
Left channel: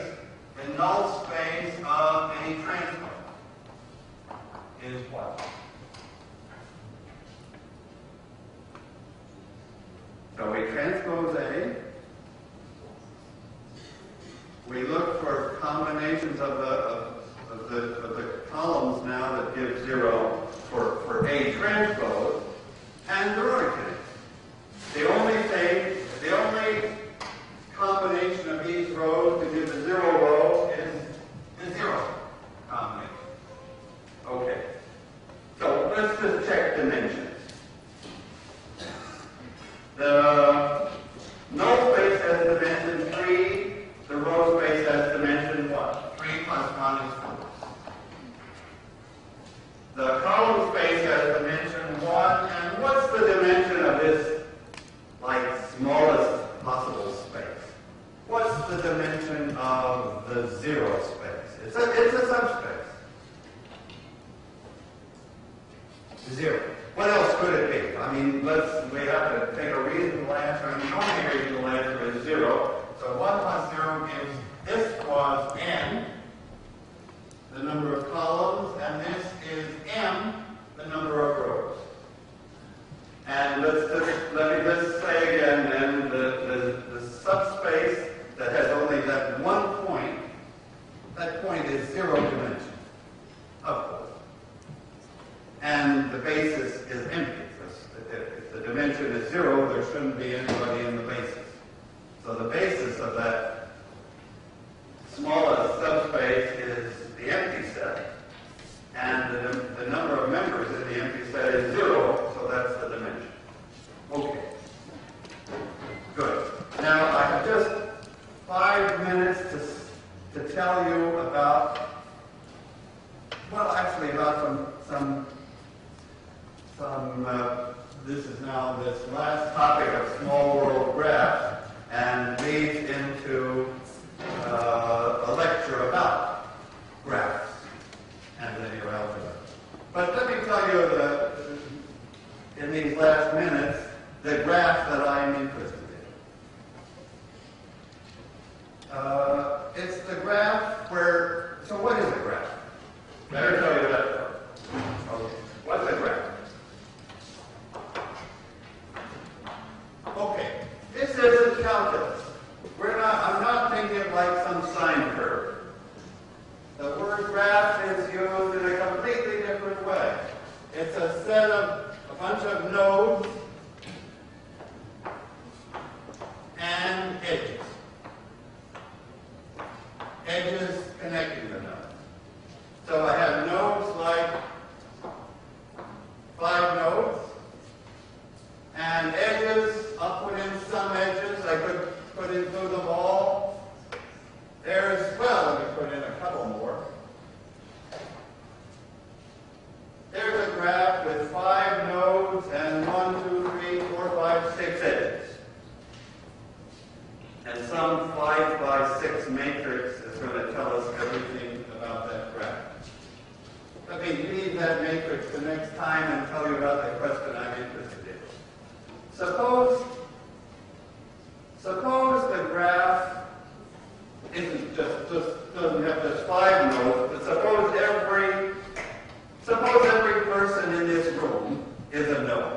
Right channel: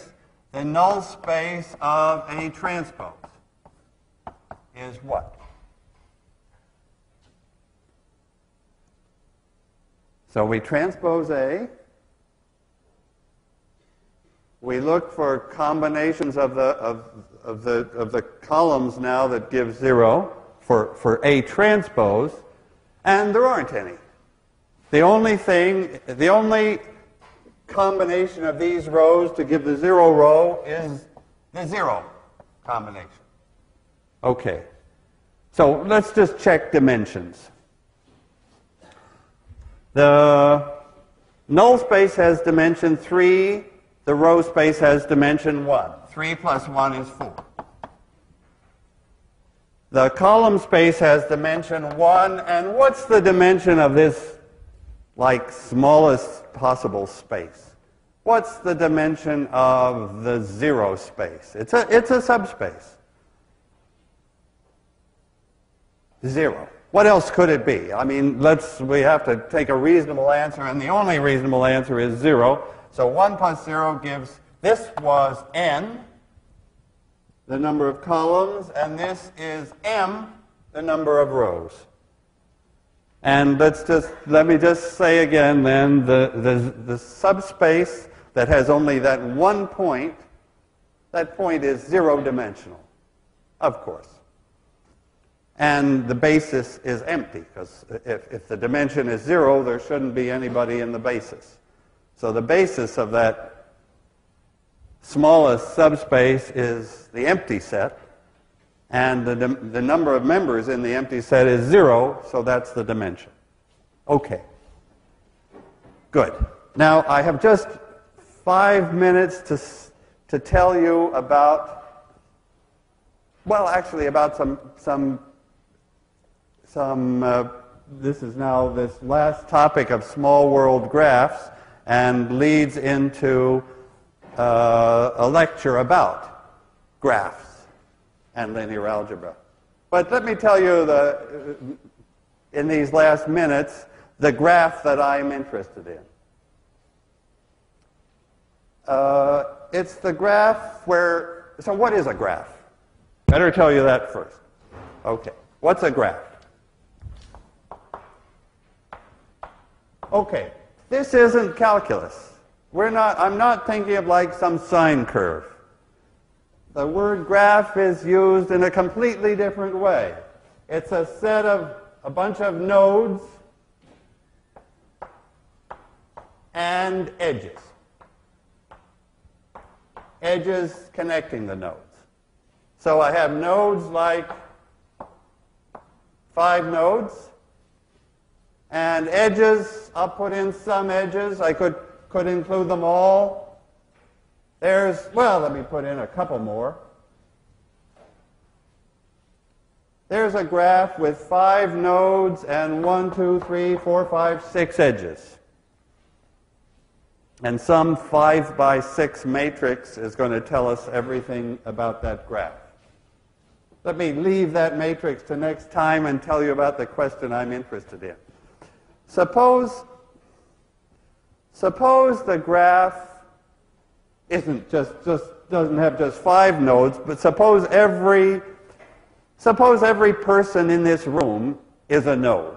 The null space of a transpose is what? So we transpose A. We look for combinations of the columns now that give 0 for A transpose, and there aren't any. The only combination of these rows to give the 0 row is the 0 combination. Okay. So let's just check dimensions. The null space has dimension 3. The row space has dimension what? 3 plus 1 is 4. The column space has dimension 1. And what's the dimension of this, like, smallest possible space? What's the dimension of the 0 space? It's a subspace. 0. What else could it be? I mean, we have to take a reasonable answer, and the only reasonable answer is 0. So 1 plus 0 gives, this was n, the number of columns, and this is m, the number of rows. And let me just say again then, the subspace that has only that one point, that point is 0-dimensional, of course. And the basis is empty, because if the dimension is 0, there shouldn't be anybody in the basis. So the basis of that smallest subspace is the empty set, and the number of members in the empty set is 0, so that's the dimension. Okay. Good. Now, I have just 5 minutes to tell you about, well, actually about this is now this last topic of small world graphs, and leads into a lecture about graphs and linear algebra. But let me tell you, in these last minutes, the graph that I'm interested in. It's the graph where, so what is a graph? Better tell you that first. Okay, what's a graph? Okay, this isn't calculus. I'm not thinking of like some sine curve. The word graph is used in a completely different way. It's a set of a bunch of nodes and edges. edges connecting the nodes. So I have nodes like 5 nodes, and edges, I'll put in some edges. I could include them all. There's, well, let me put in a couple more. There's a graph with 5 nodes and 1, 2, 3, 4, 5, 6 edges. And some 5 by 6 matrix is going to tell us everything about that graph. Let me leave that matrix to next time and tell you about the question I'm interested in. Suppose the graph isn't doesn't have just 5 nodes, but suppose every person in this room is a node.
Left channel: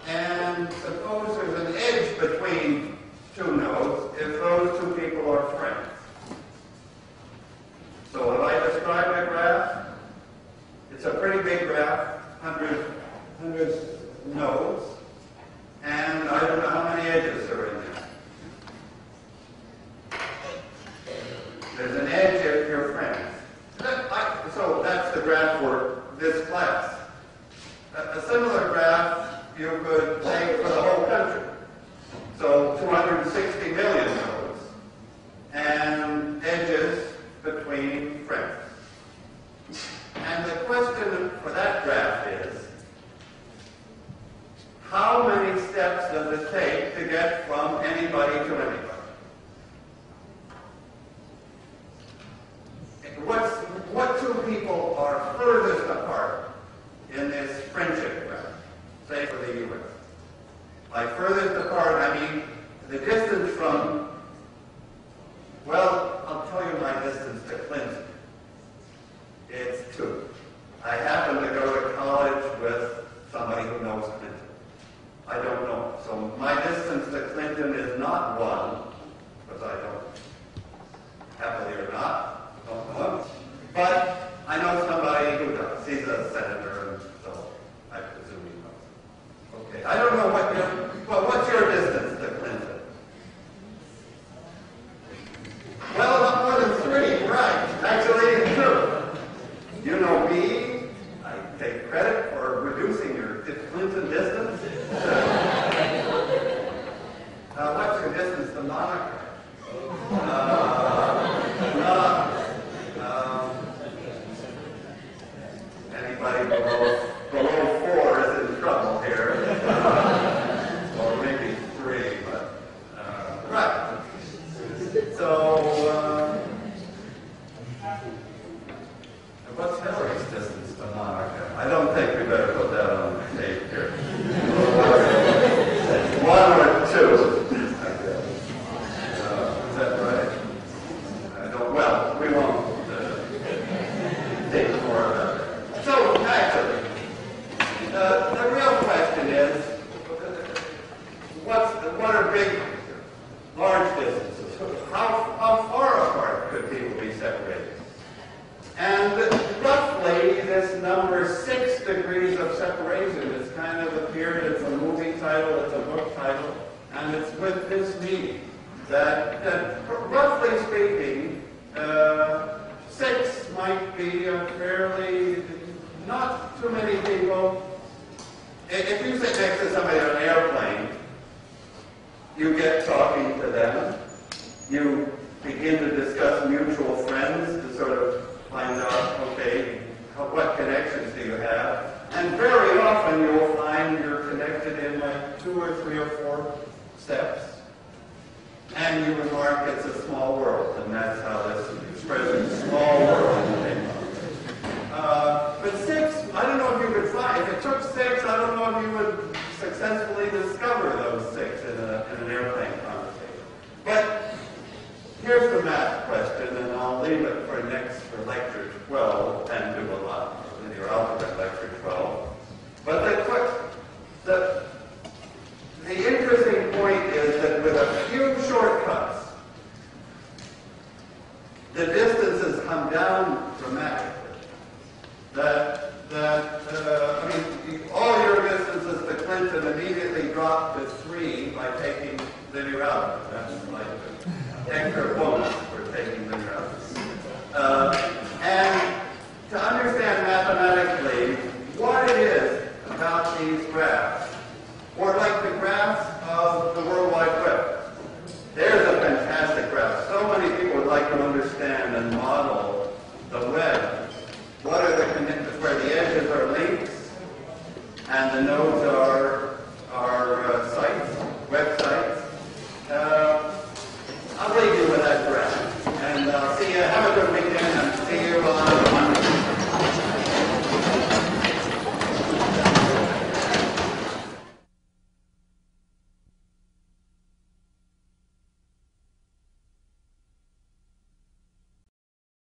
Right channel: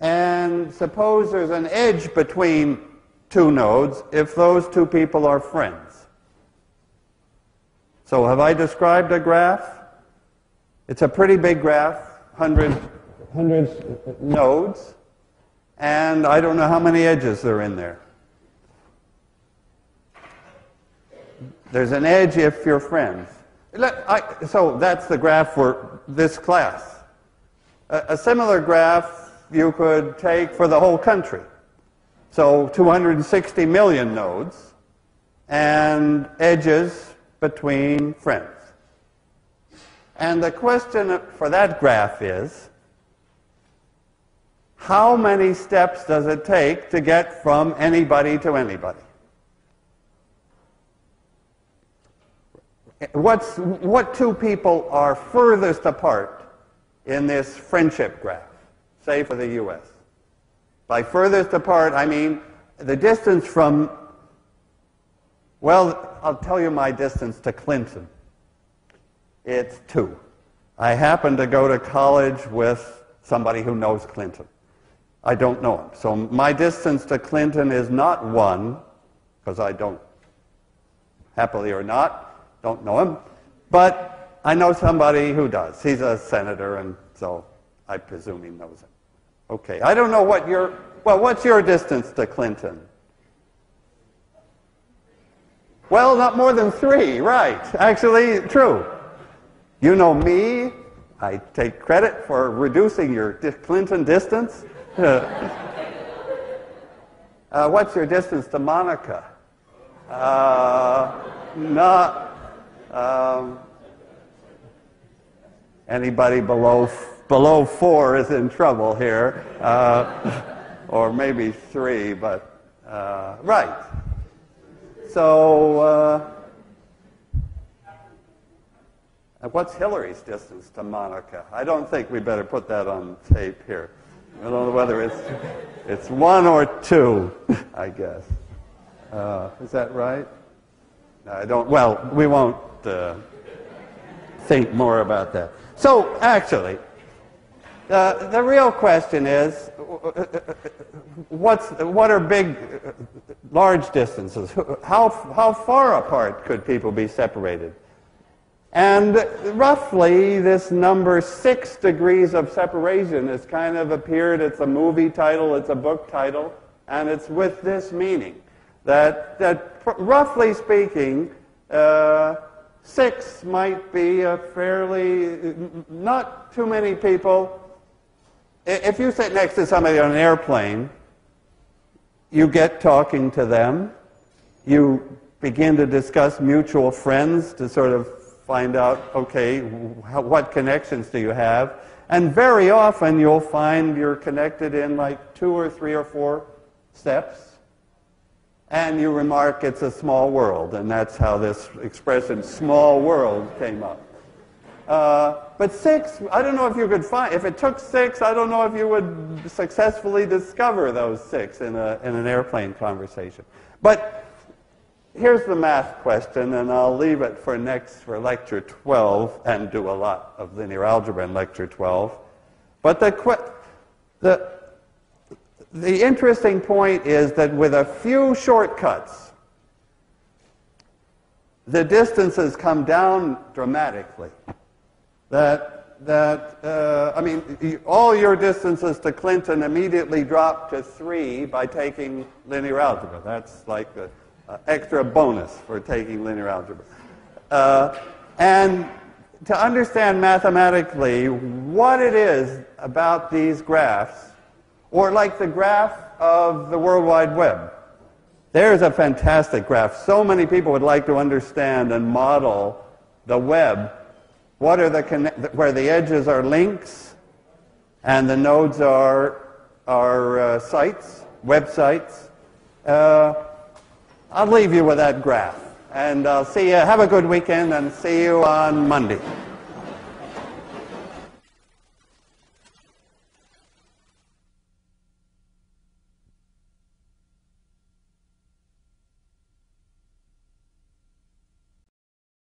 And suppose there's an edge between 2 nodes if those 2 people are friends. So have I described a graph? It's a pretty big graph, 100 nodes, and I don't know how many edges are in there. There's an edge if you're friends. So that's the graph for this class. A similar graph you could take for the whole country. So 260 million nodes and edges between friends. And the question for that graph is, how many steps does it take to get from anybody to anybody? What 2 people are furthest apart in this friendship graph, say for the U.S.? By furthest apart, I mean the distance from, well, I'll tell you my distance to Clinton. It's 2. I happen to go to college with somebody who knows Clinton. I don't know him. So my distance to Clinton is not 1, because I don't, happily or not, don't know him. But I know somebody who does. He's a senator, and so I presume he knows him. Okay, I don't know what your, well, what's your distance to Clinton? Well, not more than 3, right. Actually, true. You know me. I take credit for reducing your Clinton distance. What's your distance to Monica? Anybody below 4 is in trouble here, or maybe 3, but right. So what's Hillary's distance to Monica? I don't think we better put that on the tape here. It's 1 or 2, I guess. Is that right? I don't. Well, we won't think more about that. So actually, the real question is, what are large distances? How far apart could people be separated? And roughly, this number 6 degrees of separation has kind of appeared. It's a movie title, it's a book title, and it's with this meaning that roughly speaking, 6 might be a fairly, not too many people. If you sit next to somebody on an airplane, you get talking to them. You begin to discuss mutual friends to sort of find out, okay, what connections do you have? And very often you'll find you're connected in like 2 or 3 or 4 steps. And you remark it's a small world, and that's how this expression, small world, came up. But 6, I don't know if you could find, if it took 6, I don't know if you would successfully discover those 6 in an airplane conversation. But here's the math question, and I'll leave it for lecture 12, and do a lot of linear algebra in lecture 12. But the interesting point is that with a few shortcuts, the distances come down dramatically. That I mean, all your distances to Clinton immediately drop to 3 by taking linear algebra. That's like an extra bonus for taking linear algebra. And to understand mathematically what it is about these graphs, or like the graphs of the World Wide Web. There's a fantastic graph. So many people would like to understand and model the web. What are where the edges are links and the nodes are sites, websites. I'll leave you with that graph. And I'll see you. Have a good weekend and see you on Monday.